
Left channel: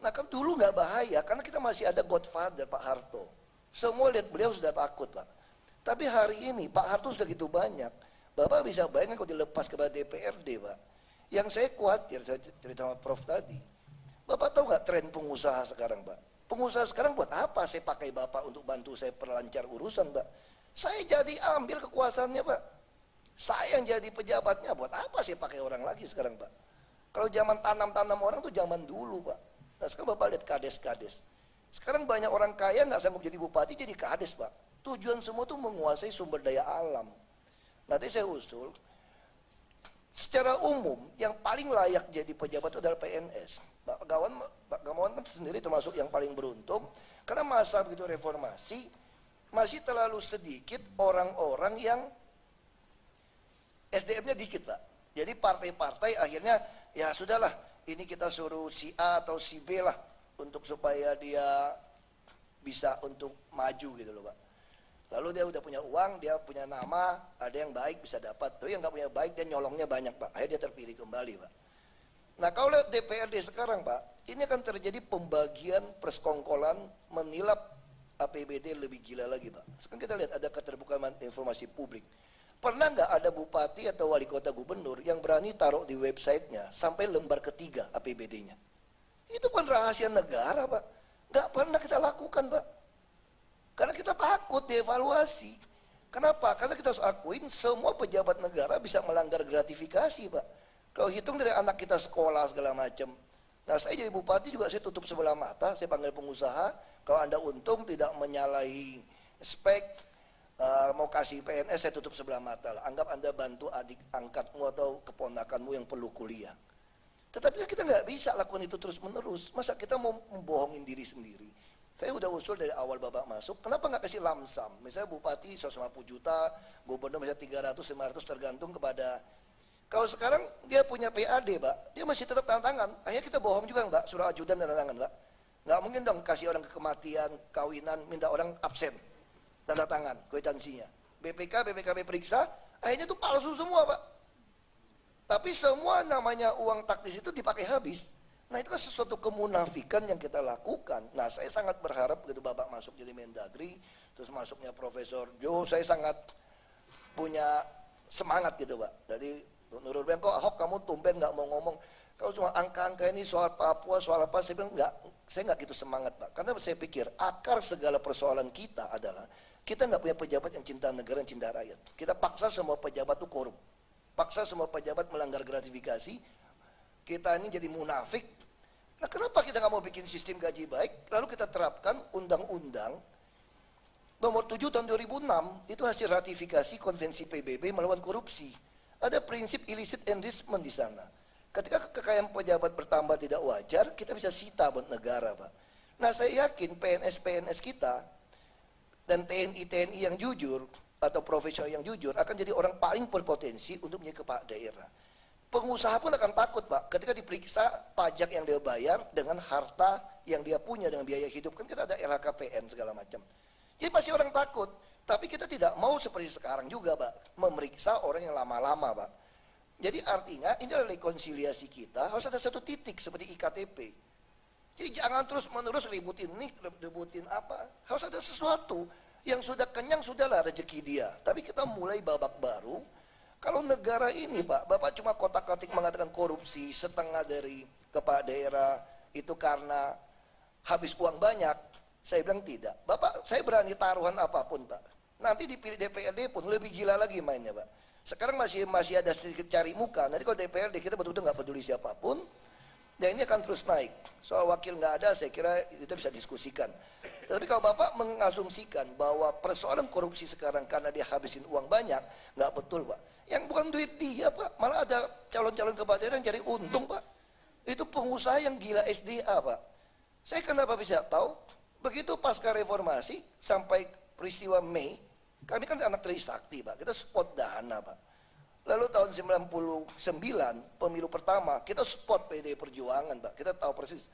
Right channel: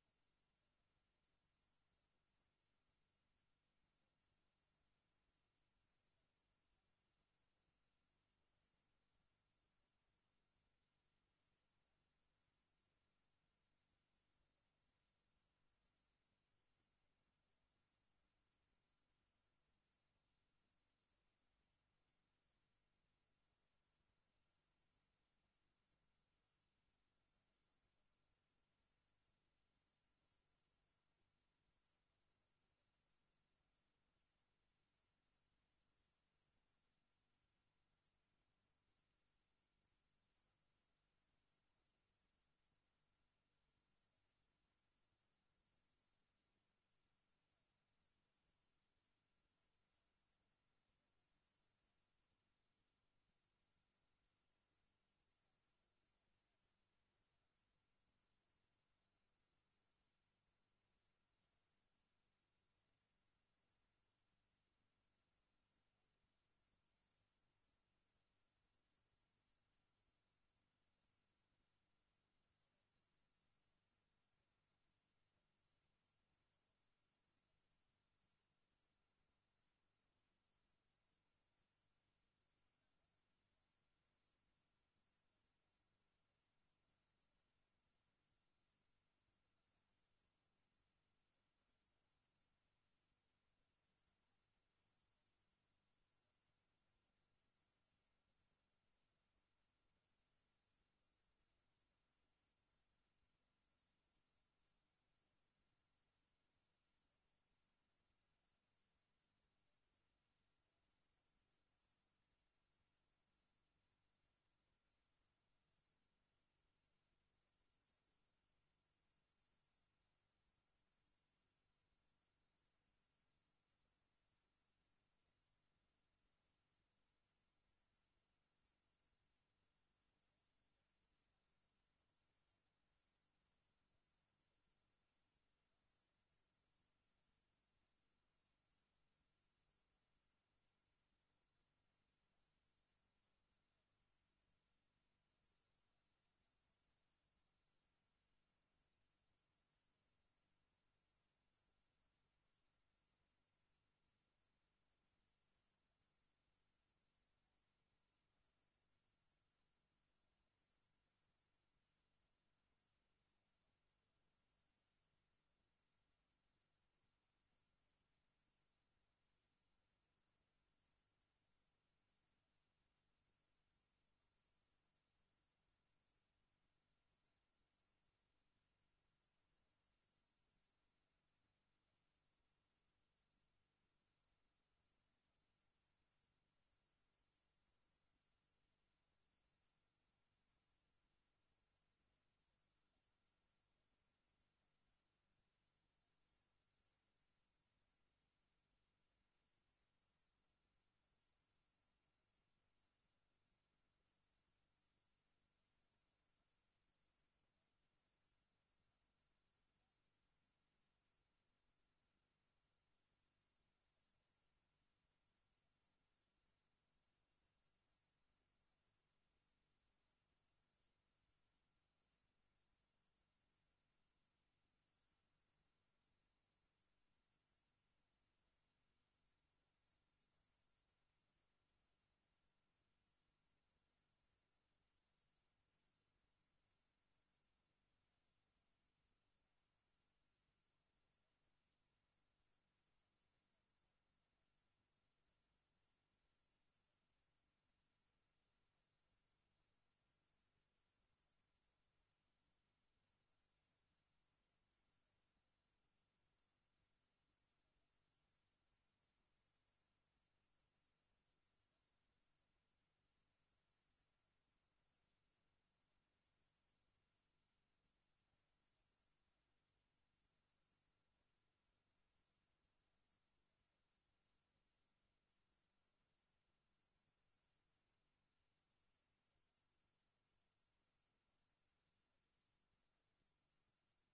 Nah kan dulu nggak bahaya, karena kita masih ada Godfather Pak Harto. Semua lihat beliau sudah takut Pak. Tapi hari ini Pak Harto sudah gitu banyak. Bapak bisa bayangkan kalau dilepas kepada DPRD Pak. Yang saya khawatir, saya cerita sama Prof tadi. Bapak tahu nggak tren pengusaha sekarang Pak? Pengusaha sekarang buat apa saya pakai Bapak untuk bantu saya perlancar urusan Pak? Saya jadi ambil kekuasaannya Pak. Saya yang jadi pejabatnya, buat apa sih pakai orang lagi sekarang, Pak? Kalau zaman tanam-tanam orang tuh zaman dulu, Pak. Nah sekarang Bapak lihat kades-kades. Sekarang banyak orang kaya nggak sanggup jadi bupati, jadi kades, Pak. Tujuan semua tuh menguasai sumber daya alam. Nanti saya usul, secara umum yang paling layak jadi pejabat itu adalah PNS. Pak Gamawan kan sendiri termasuk yang paling beruntung, karena masa begitu reformasi, masih terlalu sedikit orang-orang yang SDM-nya dikit, Pak. Jadi partai-partai akhirnya ya sudahlah, ini kita suruh si A atau si B lah untuk supaya dia bisa untuk maju gitu loh, Pak. Lalu dia udah punya uang, dia punya nama, ada yang baik bisa dapat. Tapi yang nggak punya baik dia nyolongnya banyak, Pak. Akhirnya dia terpilih kembali, Pak. Nah kalau lihat DPRD sekarang, Pak, ini akan terjadi pembagian persekongkolan menilap APBD lebih gila lagi, Pak. Sekarang kita lihat ada keterbukaan informasi publik. Pernah nggak ada bupati atau wali kota gubernur yang berani taruh di websitenya sampai lembar ketiga APBD-nya? Itu kan rahasia negara, Pak. Nggak pernah kita lakukan, Pak. Karena kita takut dievaluasi. Kenapa? Karena kita harus akuin semua pejabat negara bisa melanggar gratifikasi, Pak. Kalau hitung dari anak kita sekolah segala macam. Nah saya jadi bupati juga saya tutup sebelah mata, saya panggil pengusaha. Kalau Anda untung tidak menyalahi spek, mau kasih PNS saya tutup sebelah mata lah. Anggap Anda bantu adik angkatmu atau keponakanmu yang perlu kuliah. Tetapi kita nggak bisa lakukan itu terus menerus. Masa kita mau membohongin diri sendiri? Saya udah usul dari awal Bapak masuk, kenapa nggak kasih lamsam? Misalnya bupati 150 juta, gubernur misalnya 300, 500 tergantung kepada. Kalau sekarang dia punya PAD, Pak, dia masih tetap tanda tangan. Akhirnya kita bohong juga, Pak, surat ajudan tanda tangan, Pak. Nggak mungkin dong kasih orang kematian, kawinan, minta orang absen. Tanda tangan, kwitansinya. BPKB periksa, akhirnya itu palsu semua, Pak. Tapi semua namanya uang taktis itu dipakai habis. Nah itu kan sesuatu kemunafikan yang kita lakukan. Nah saya sangat berharap begitu Bapak masuk jadi Mendagri, terus masuknya Profesor Jo, saya sangat punya semangat gitu, Pak. Jadi Nurul bilang, kok Ahok kamu tumben nggak mau ngomong. Kalau cuma angka-angka ini soal Papua, soal apa, saya bilang enggak, saya nggak gitu semangat, Pak. Karena saya pikir akar segala persoalan kita adalah kita nggak punya pejabat yang cinta negara, yang cinta rakyat. Kita paksa semua pejabat itu korup, paksa semua pejabat melanggar gratifikasi. Kita ini jadi munafik. Nah kenapa kita nggak mau bikin sistem gaji baik, lalu kita terapkan undang-undang nomor 7 tahun 2006, itu hasil ratifikasi konvensi PBB melawan korupsi. Ada prinsip illicit enrichment di sana. Ketika kekayaan pejabat bertambah tidak wajar, kita bisa sita buat negara, Pak. Nah saya yakin PNS-PNS kita dan TNI-TNI yang jujur atau profesional yang jujur akan jadi orang paling berpotensi untuk menjadi kepala daerah. Pengusaha pun akan takut, Pak, ketika diperiksa pajak yang dia bayar dengan harta yang dia punya dengan biaya hidup. Kan kita ada LHKPN segala macam. Jadi pasti orang takut. Tapi kita tidak mau seperti sekarang juga, Pak, memeriksa orang yang lama-lama, Pak. Jadi artinya ini adalah rekonsiliasi kita, harus ada satu titik seperti IKTP. Jadi jangan terus menerus ributin ini, ributin apa. Harus ada sesuatu yang sudah kenyang, sudahlah rezeki dia. Tapi kita mulai babak baru. Kalau negara ini, Pak, Bapak cuma kotak-katik mengatakan korupsi setengah dari kepala daerah itu karena habis uang banyak. Saya bilang tidak. Bapak, saya berani taruhan apapun, Pak. Nanti dipilih DPRD pun lebih gila lagi mainnya, Pak. Sekarang masih ada sedikit cari muka. Nanti kalau DPRD kita betul-betul nggak peduli siapapun, dan ini akan terus naik. Soal wakil nggak ada, saya kira kita bisa diskusikan. Tapi kalau Bapak mengasumsikan bahwa persoalan korupsi sekarang karena dia habisin uang banyak, nggak betul, Pak. Yang bukan duit dia, Pak. Malah ada calon-calon kepala daerah yang cari untung, Pak. Itu pengusaha yang gila SDA, Pak. Saya kenapa bisa tahu? Begitu pasca reformasi sampai peristiwa Mei, kami kan anak Trisakti, Pak. Kita spot dana, Pak. Lalu tahun 99, pemilu pertama, kita spot PDI Perjuangan, Pak. Kita tahu persis.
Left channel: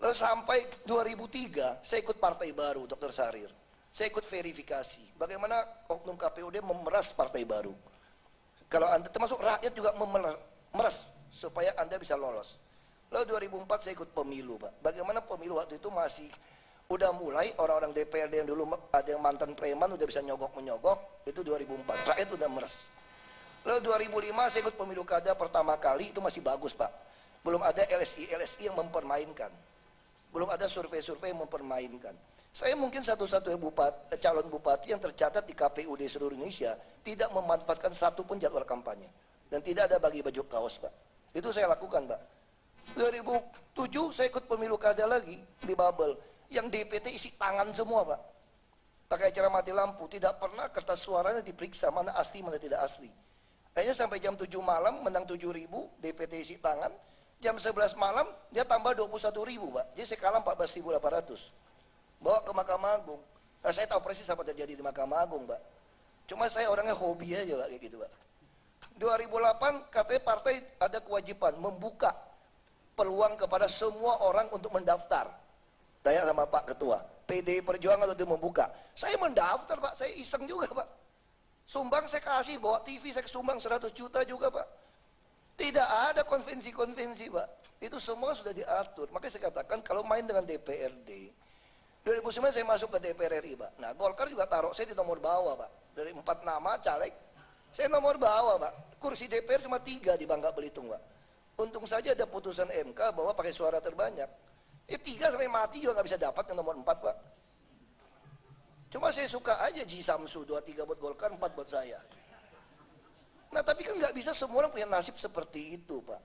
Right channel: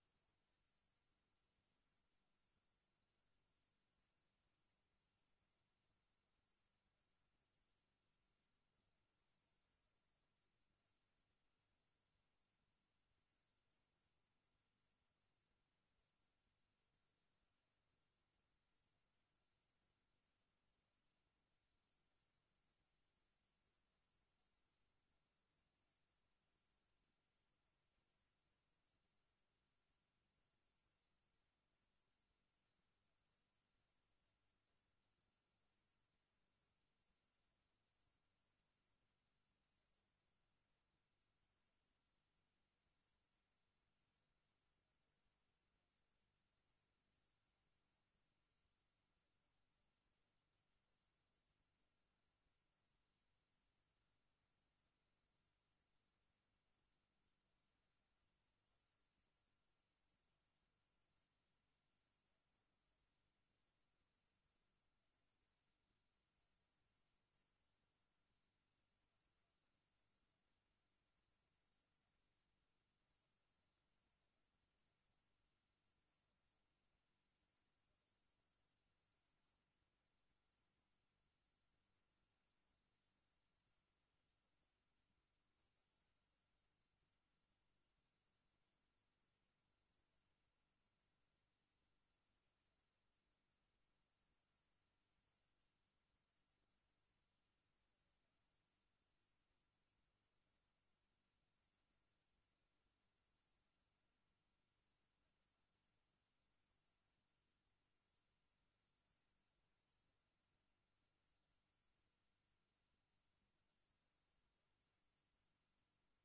Lalu sampai 2003, saya ikut partai baru, Dr. Sarir. Saya ikut verifikasi. Bagaimana oknum KPUD memeras partai baru. Kalau Anda, termasuk rakyat juga memeras supaya Anda bisa lolos. Lalu 2004 saya ikut pemilu, Pak. Bagaimana pemilu waktu itu masih udah mulai orang-orang DPRD yang dulu ada yang mantan preman udah bisa nyogok-menyogok, itu 2004. Rakyat udah meres. Lalu 2005 saya ikut pemilu kada pertama kali, itu masih bagus, Pak. Belum ada LSI yang mempermainkan. Belum ada survei-survei yang mempermainkan. Saya mungkin satu-satunya calon bupati yang tercatat di KPU di seluruh Indonesia tidak memanfaatkan satu pun jadwal kampanye. Dan tidak ada bagi baju kaos, Pak. Itu saya lakukan, Pak. 2007 saya ikut pemilu kada lagi di Babel. Yang DPT isi tangan semua, Pak. Pakai cara mati lampu. Tidak pernah kertas suaranya diperiksa mana asli, mana tidak asli. Akhirnya sampai jam 7 malam menang 7.000, DPT isi tangan. Jam 11 malam dia tambah 21.000, Pak. Jadi saya kalah 14.800. Bawa ke Mahkamah Agung. Nah, saya tahu persis apa terjadi di Mahkamah Agung, Pak. Cuma saya orangnya hobi aja, Pak, kayak gitu, Pak. 2008 katanya partai ada kewajiban membuka peluang kepada semua orang untuk mendaftar. Tanya sama Pak Ketua, PDI Perjuangan itu membuka. Saya mendaftar, Pak. Saya iseng juga, Pak. Sumbang saya kasih, bawa TV saya sumbang 100 juta juga, Pak. Tidak ada konvensi-konvensi, Pak. Itu semua sudah diatur. Makanya saya katakan kalau main dengan DPRD, 2009 saya masuk ke DPR RI, Pak. Nah, Golkar juga taruh saya di nomor bawah, Pak. Dari 4 nama caleg, saya nomor bawah, Pak. Kursi DPR cuma 3 di Bangka Belitung, Pak. Untung saja ada putusan MK bahwa pakai suara terbanyak. 3 sampai mati juga nggak bisa dapat yang nomor 4, Pak. Cuma saya suka aja Ji Samsu, 23 buat Golkar, 4 buat saya. Nah, tapi kan nggak bisa semua orang punya nasib seperti itu, Pak.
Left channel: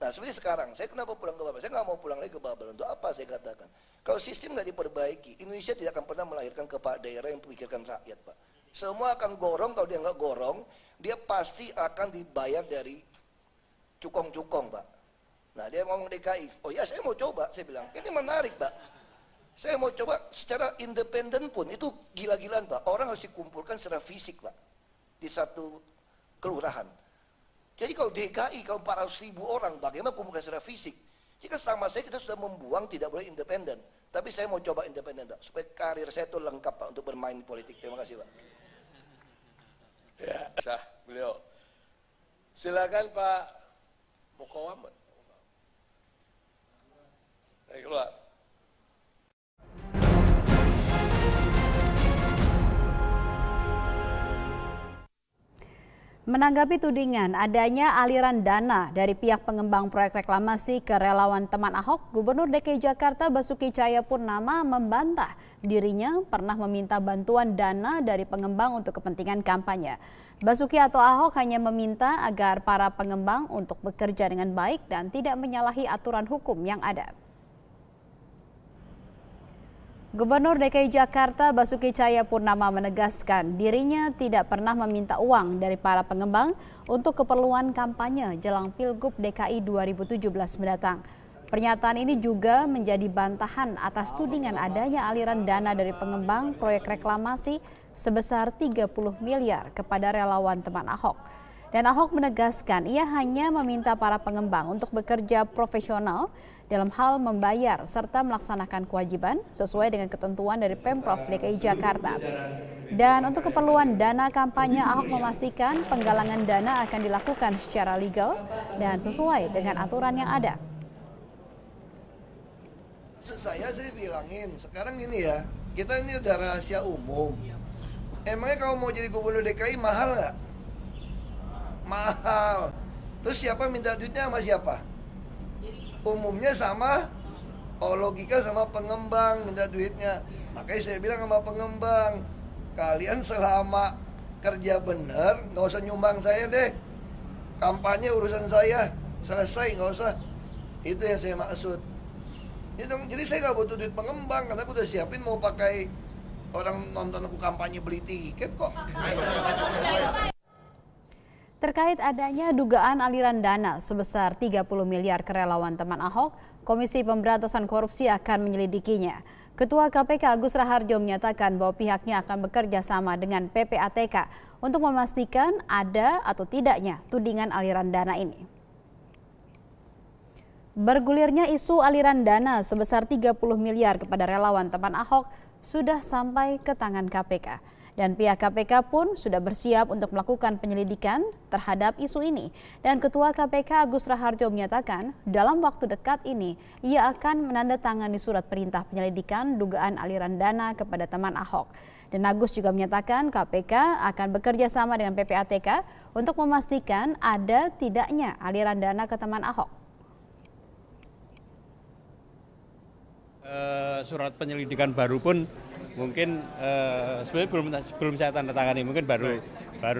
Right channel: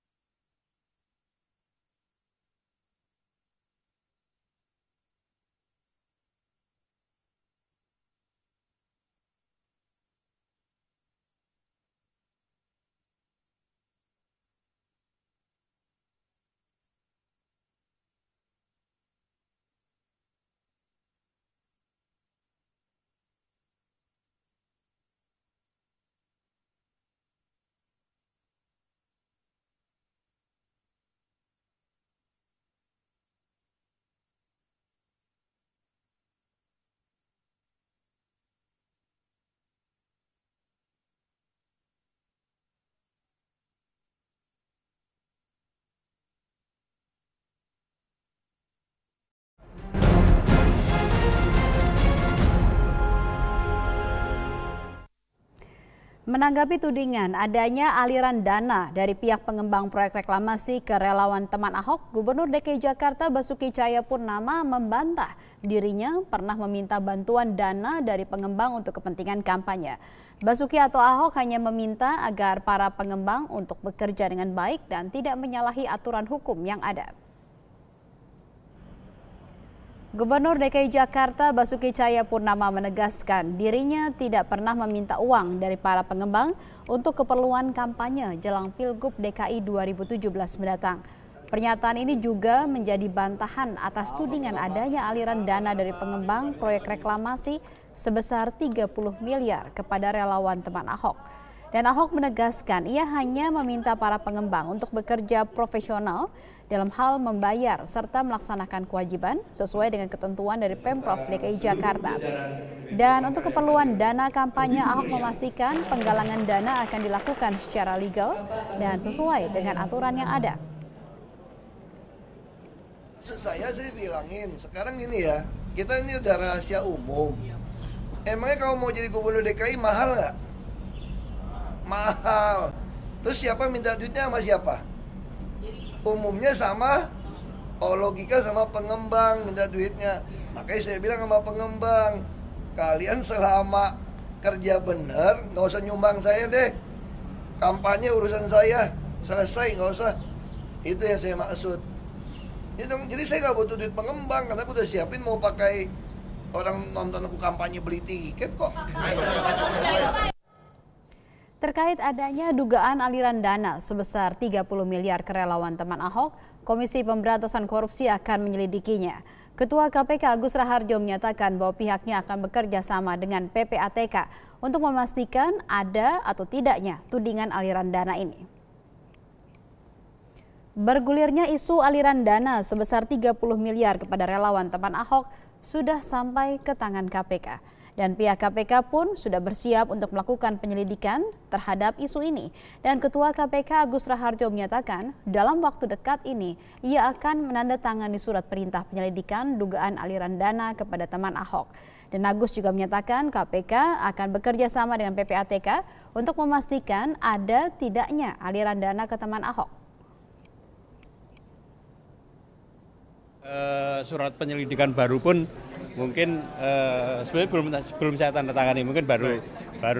Nah, seperti sekarang, saya kenapa pulang ke Babel? Saya nggak mau pulang lagi ke Babel. Untuk apa saya katakan? Kalau sistem nggak diperbaiki, Indonesia tidak akan pernah melahirkan kepala daerah yang memikirkan rakyat, Pak. Semua akan gorong, kalau dia nggak gorong, dia pasti akan dibayar dari cukong-cukong, Pak. Nah, dia ngomong DKI. Oh ya, saya mau coba, saya bilang. Ini menarik, Pak. Saya mau coba secara independen pun, itu gila-gilaan, Pak. Orang harus dikumpulkan secara fisik, Pak. Di satu kelurahan. Jadi kalau DKI, kalau 400.000 orang, bagaimana kumpulkan secara fisik? Jika sama saya, kita sudah membuang, tidak boleh independen. Tapi saya mau coba independen, Pak. Supaya karir saya itu lengkap, Pak, untuk bermain politik. Terima kasih, Pak. Ya, sah beliau. Silakan Pak Mukowaman. Keluar. Menanggapi tudingan adanya aliran dana dari pihak pengembang proyek reklamasi ke relawan teman Ahok, Gubernur DKI Jakarta Basuki Cahayapurnama membantah dirinya pernah meminta bantuan dana dari pengembang untuk kepentingan kampanye. Basuki atau Ahok hanya meminta agar para pengembang untuk bekerja dengan baik dan tidak menyalahi aturan hukum yang ada. Gubernur DKI Jakarta Basuki Cahayapurnama menegaskan dirinya tidak pernah meminta uang dari para pengembang untuk keperluan kampanye jelang Pilgub DKI 2017 mendatang. Pernyataan ini juga menjadi bantahan atas tudingan adanya aliran dana dari pengembang proyek reklamasi sebesar 30 miliar kepada relawan teman Ahok. Dan Ahok menegaskan ia hanya meminta para pengembang untuk bekerja profesional dalam hal membayar serta melaksanakan kewajiban sesuai dengan ketentuan dari Pemprov DKI Jakarta. Dan untuk keperluan dana kampanye, Ahok memastikan penggalangan dana akan dilakukan secara legal dan sesuai dengan aturan yang ada. Saya bilangin, sekarang ini ya, kita ini udah rahasia umum. Emangnya kalau mau jadi gubernur DKI mahal nggak? Mahal. Terus siapa minta duitnya sama siapa? Umumnya sama, logika sama pengembang minta duitnya. Makanya saya bilang sama pengembang, kalian selama kerja bener, nggak usah nyumbang saya deh. Kampanye urusan saya, selesai, nggak usah. Itu yang saya maksud. Jadi saya nggak butuh duit pengembang, karena aku udah siapin mau pakai orang nonton aku kampanye beli tiket kok. Terkait adanya dugaan aliran dana sebesar 30 miliar ke relawan teman Ahok, Komisi Pemberantasan Korupsi akan menyelidikinya. Ketua KPK Agus Raharjo menyatakan bahwa pihaknya akan bekerja sama dengan PPATK untuk memastikan ada atau tidaknya tudingan aliran dana ini. Bergulirnya isu aliran dana sebesar 30 miliar kepada relawan teman Ahok sudah sampai ke tangan KPK. Dan pihak KPK pun sudah bersiap untuk melakukan penyelidikan terhadap isu ini. Dan Ketua KPK Agus Raharjo menyatakan dalam waktu dekat ini ia akan menandatangani surat perintah penyelidikan dugaan aliran dana kepada teman Ahok. Dan Agus juga menyatakan KPK akan bekerja sama dengan PPATK untuk memastikan ada tidaknya aliran dana ke teman Ahok. Surat penyelidikan baru pun mungkin sebenarnya belum saya tanda tangani, mungkin baru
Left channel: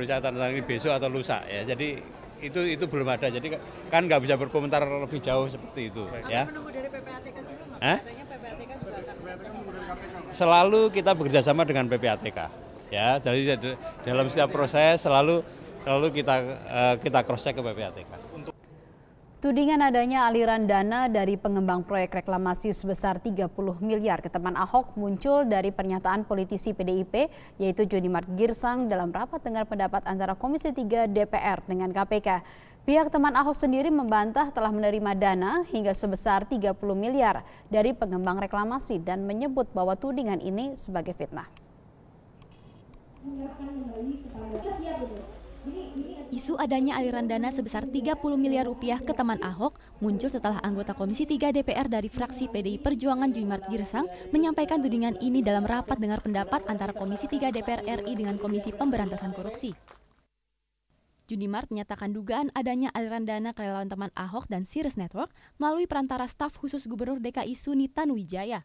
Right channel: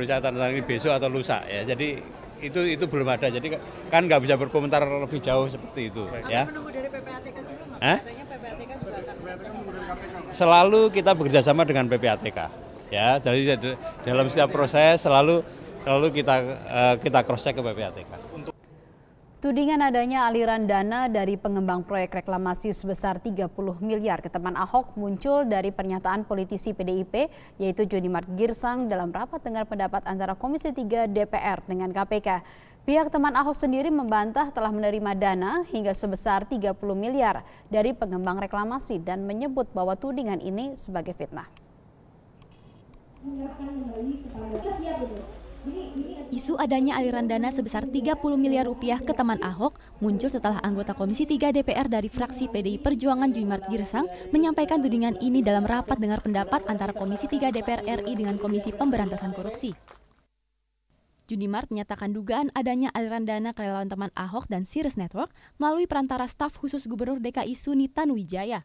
saya tanda tangani besok atau lusa ya. Jadi itu belum ada. Jadi kan nggak bisa berkomentar lebih jauh seperti itu. Ya. Menunggu dari PPATK juga, katanya PPATK juga akan selalu kita bekerjasama dengan PPATK. Ya, jadi dalam setiap proses selalu kita cross check ke PPATK. Tudingan adanya aliran dana dari pengembang proyek reklamasi sebesar 30 miliar ke teman Ahok muncul dari pernyataan politisi PDIP yaitu Junimart Girsang dalam rapat dengar pendapat antara Komisi 3 DPR dengan KPK. Pihak teman Ahok sendiri membantah telah menerima dana hingga sebesar 30 miliar dari pengembang reklamasi dan menyebut bahwa tudingan ini sebagai fitnah. Isu adanya aliran dana sebesar 30 miliar rupiah ke teman Ahok muncul setelah anggota Komisi 3 DPR dari fraksi PDI Perjuangan Junimart Girsang menyampaikan tudingan ini dalam rapat dengar pendapat antara Komisi 3 DPR RI dengan Komisi Pemberantasan Korupsi. Junimart menyatakan dugaan adanya aliran dana ke relawan teman Ahok dan Sirius Network melalui perantara staf khusus Gubernur DKI Suni Tanuwijaya.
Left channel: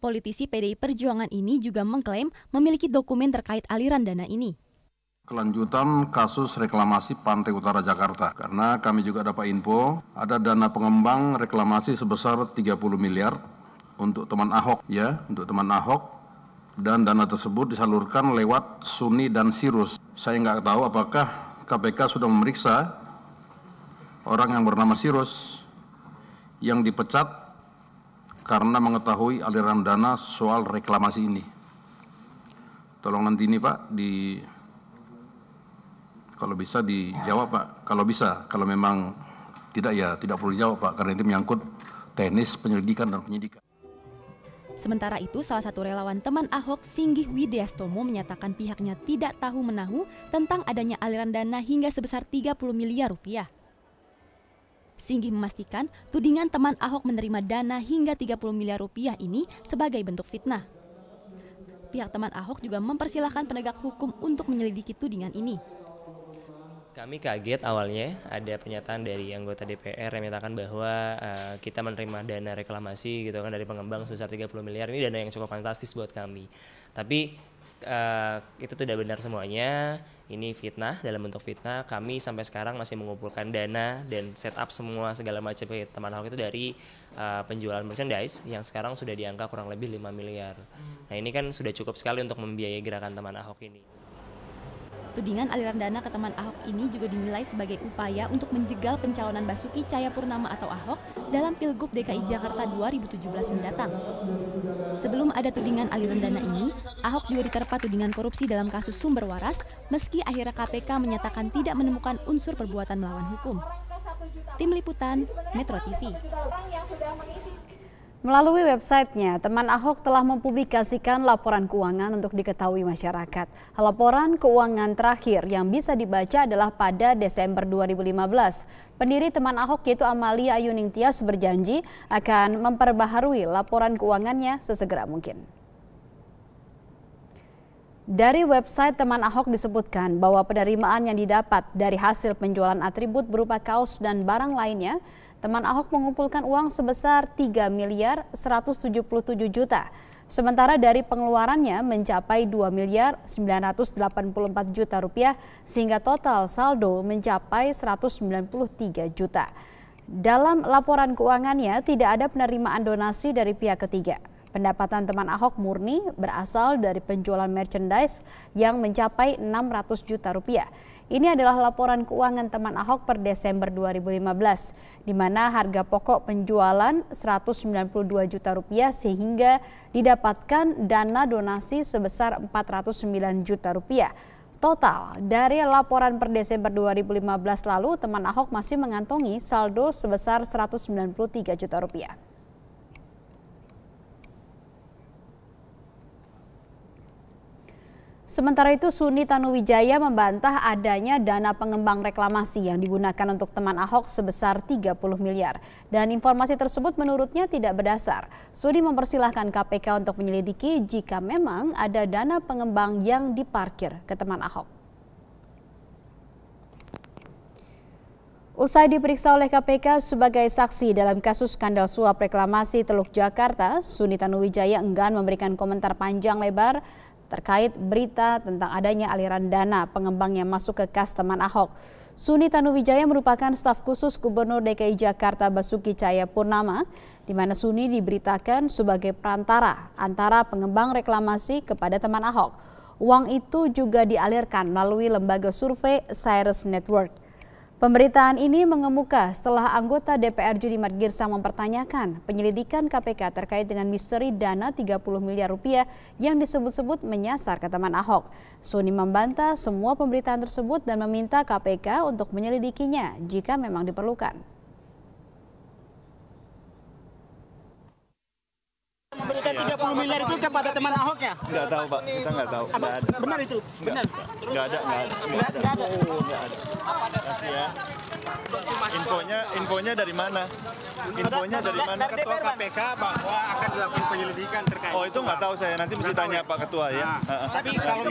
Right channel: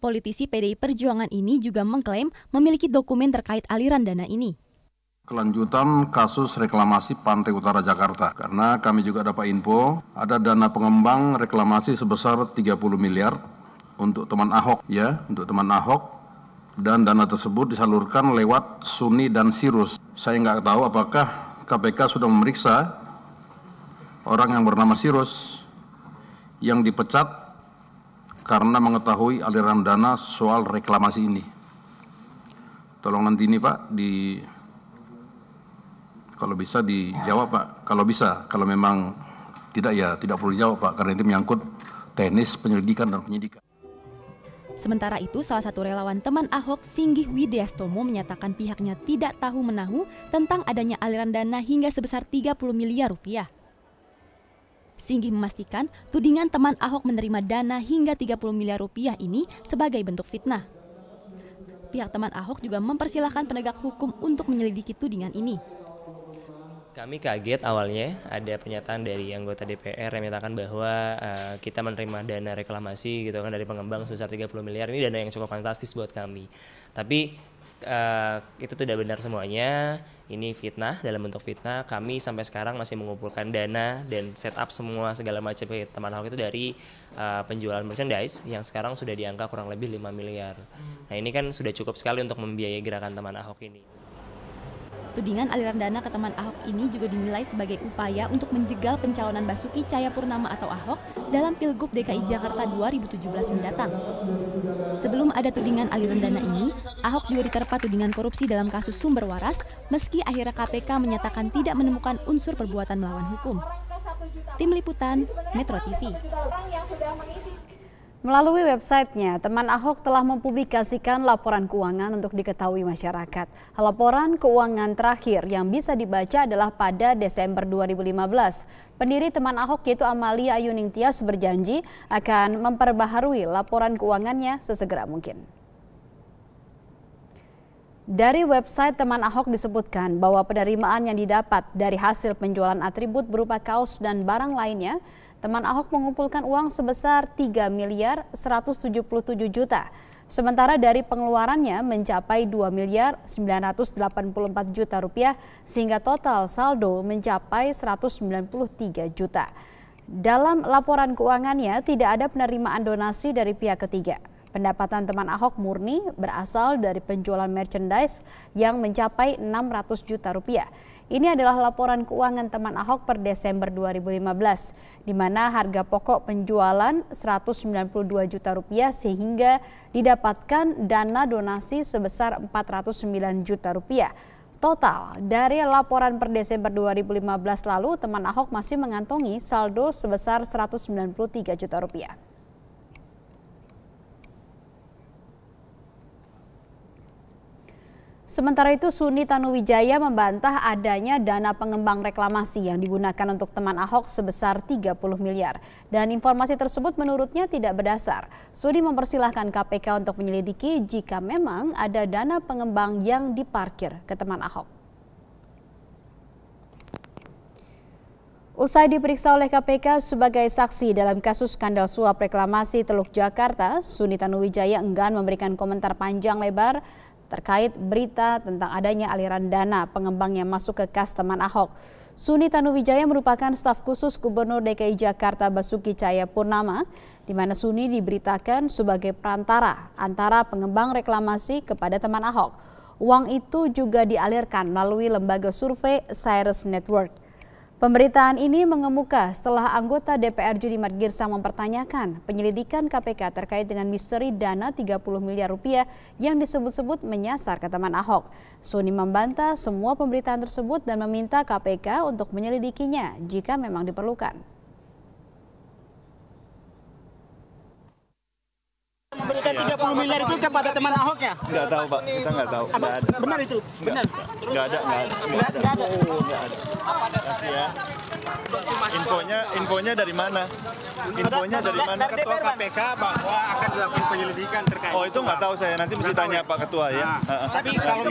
Politisi PDI Perjuangan ini juga mengklaim memiliki dokumen terkait aliran dana ini. Kelanjutan kasus reklamasi Pantai Utara Jakarta, karena kami juga dapat info ada dana pengembang reklamasi sebesar 30 miliar untuk teman Ahok ya, untuk teman Ahok, dan dana tersebut disalurkan lewat Suni dan Sirius. Saya nggak tahu apakah KPK sudah memeriksa orang yang bernama Sirius yang dipecat karena mengetahui aliran dana soal reklamasi ini. Tolong nanti ini Pak kalau bisa dijawab Pak, kalau bisa, kalau memang tidak ya tidak perlu dijawab Pak, karena itu menyangkut teknis penyelidikan dan penyidikan. Sementara itu, salah satu relawan teman Ahok, Singgih Widyastomo, menyatakan pihaknya tidak tahu menahu tentang adanya aliran dana hingga sebesar 30 miliar rupiah. Singgih memastikan tudingan teman Ahok menerima dana hingga 30 miliar rupiah ini sebagai bentuk fitnah. Pihak teman Ahok juga mempersilahkan penegak hukum untuk menyelidiki tudingan ini. Kami kaget awalnya ada pernyataan dari anggota DPR yang menyatakan bahwa kita menerima dana reklamasi gitu kan dari pengembang sebesar 30 miliar. Ini dana yang cukup fantastis buat kami. Tapi itu tidak benar semuanya. Ini fitnah, dalam bentuk fitnah. Kami sampai sekarang masih mengumpulkan dana dan setup semua segala macam teman Ahok itu dari penjualan merchandise yang sekarang sudah di angka kurang lebih 5 miliar. Nah, ini kan sudah cukup sekali untuk membiayai gerakan teman Ahok ini. Tudingan aliran dana ke teman Ahok ini juga dinilai sebagai upaya untuk menjegal pencalonan Basuki Cahayapurnama atau Ahok dalam Pilgub DKI Jakarta 2017 mendatang. Sebelum ada tudingan aliran dana ini, Ahok juga diterpa tudingan korupsi dalam kasus sumber waras, meski akhirnya KPK menyatakan tidak menemukan unsur perbuatan melawan hukum. Tim Liputan, Metro TV. Melalui websitenya, teman Ahok telah mempublikasikan laporan keuangan untuk diketahui masyarakat. Laporan keuangan terakhir yang bisa dibaca adalah pada Desember 2015. Pendiri teman Ahok yaitu Amalia Ayuning Tias berjanji akan memperbaharui laporan keuangannya sesegera mungkin. Dari website teman Ahok disebutkan bahwa penerimaan yang didapat dari hasil penjualan atribut berupa kaos dan barang lainnya, teman Ahok mengumpulkan uang sebesar 3 miliar 177 juta. Sementara dari pengeluarannya mencapai 2 miliar 984 juta rupiah sehingga total saldo mencapai 193 juta. Dalam laporan keuangannya tidak ada penerimaan donasi dari pihak ketiga. Pendapatan teman Ahok murni berasal dari penjualan merchandise yang mencapai 600 juta rupiah. Ini adalah laporan keuangan teman Ahok per Desember 2015, di mana harga pokok penjualan 192 juta rupiah sehingga didapatkan dana donasi sebesar 409 juta rupiah. Total dari laporan per Desember 2015 lalu, teman Ahok masih mengantongi saldo sebesar 193 juta rupiah. Sementara itu, Suni Tanuwijaya membantah adanya dana pengembang reklamasi yang digunakan untuk teman Ahok sebesar 30 miliar. Dan informasi tersebut menurutnya tidak berdasar. Suni mempersilahkan KPK untuk menyelidiki jika memang ada dana pengembang yang diparkir ke teman Ahok. Usai diperiksa oleh KPK sebagai saksi dalam kasus skandal suap reklamasi Teluk Jakarta, Suni Tanuwijaya enggan memberikan komentar panjang lebar terkait berita tentang adanya aliran dana pengembang yang masuk ke kas teman Ahok. Suni Tanuwijaya merupakan staf khusus Gubernur DKI Jakarta Basuki Cahayapurnama, di mana Suni diberitakan sebagai perantara antara pengembang reklamasi kepada teman Ahok. Uang itu juga dialirkan melalui lembaga survei Cyrus Network. Pemberitaan ini mengemuka setelah anggota DPR Junimart Girsang mempertanyakan penyelidikan KPK terkait dengan misteri dana 30 miliar rupiah yang disebut-sebut menyasar ke teman Ahok. Suni membantah semua pemberitaan tersebut dan meminta KPK untuk menyelidikinya jika memang diperlukan. Memberikan 30 miliar itu kepada teman Ahok ya? Nggak tahu Pak, kita nggak tahu. Nggak ada. Benar itu? Benar? Nggak ada. Kasih ya. Infonya dari mana? Infonya dari mana? Ketua KPK bahwa akan dilakukan penyelidikan terkait. Oh itu nggak tahu saya, nanti mesti tanya Pak Ketua ya. Tapi kalau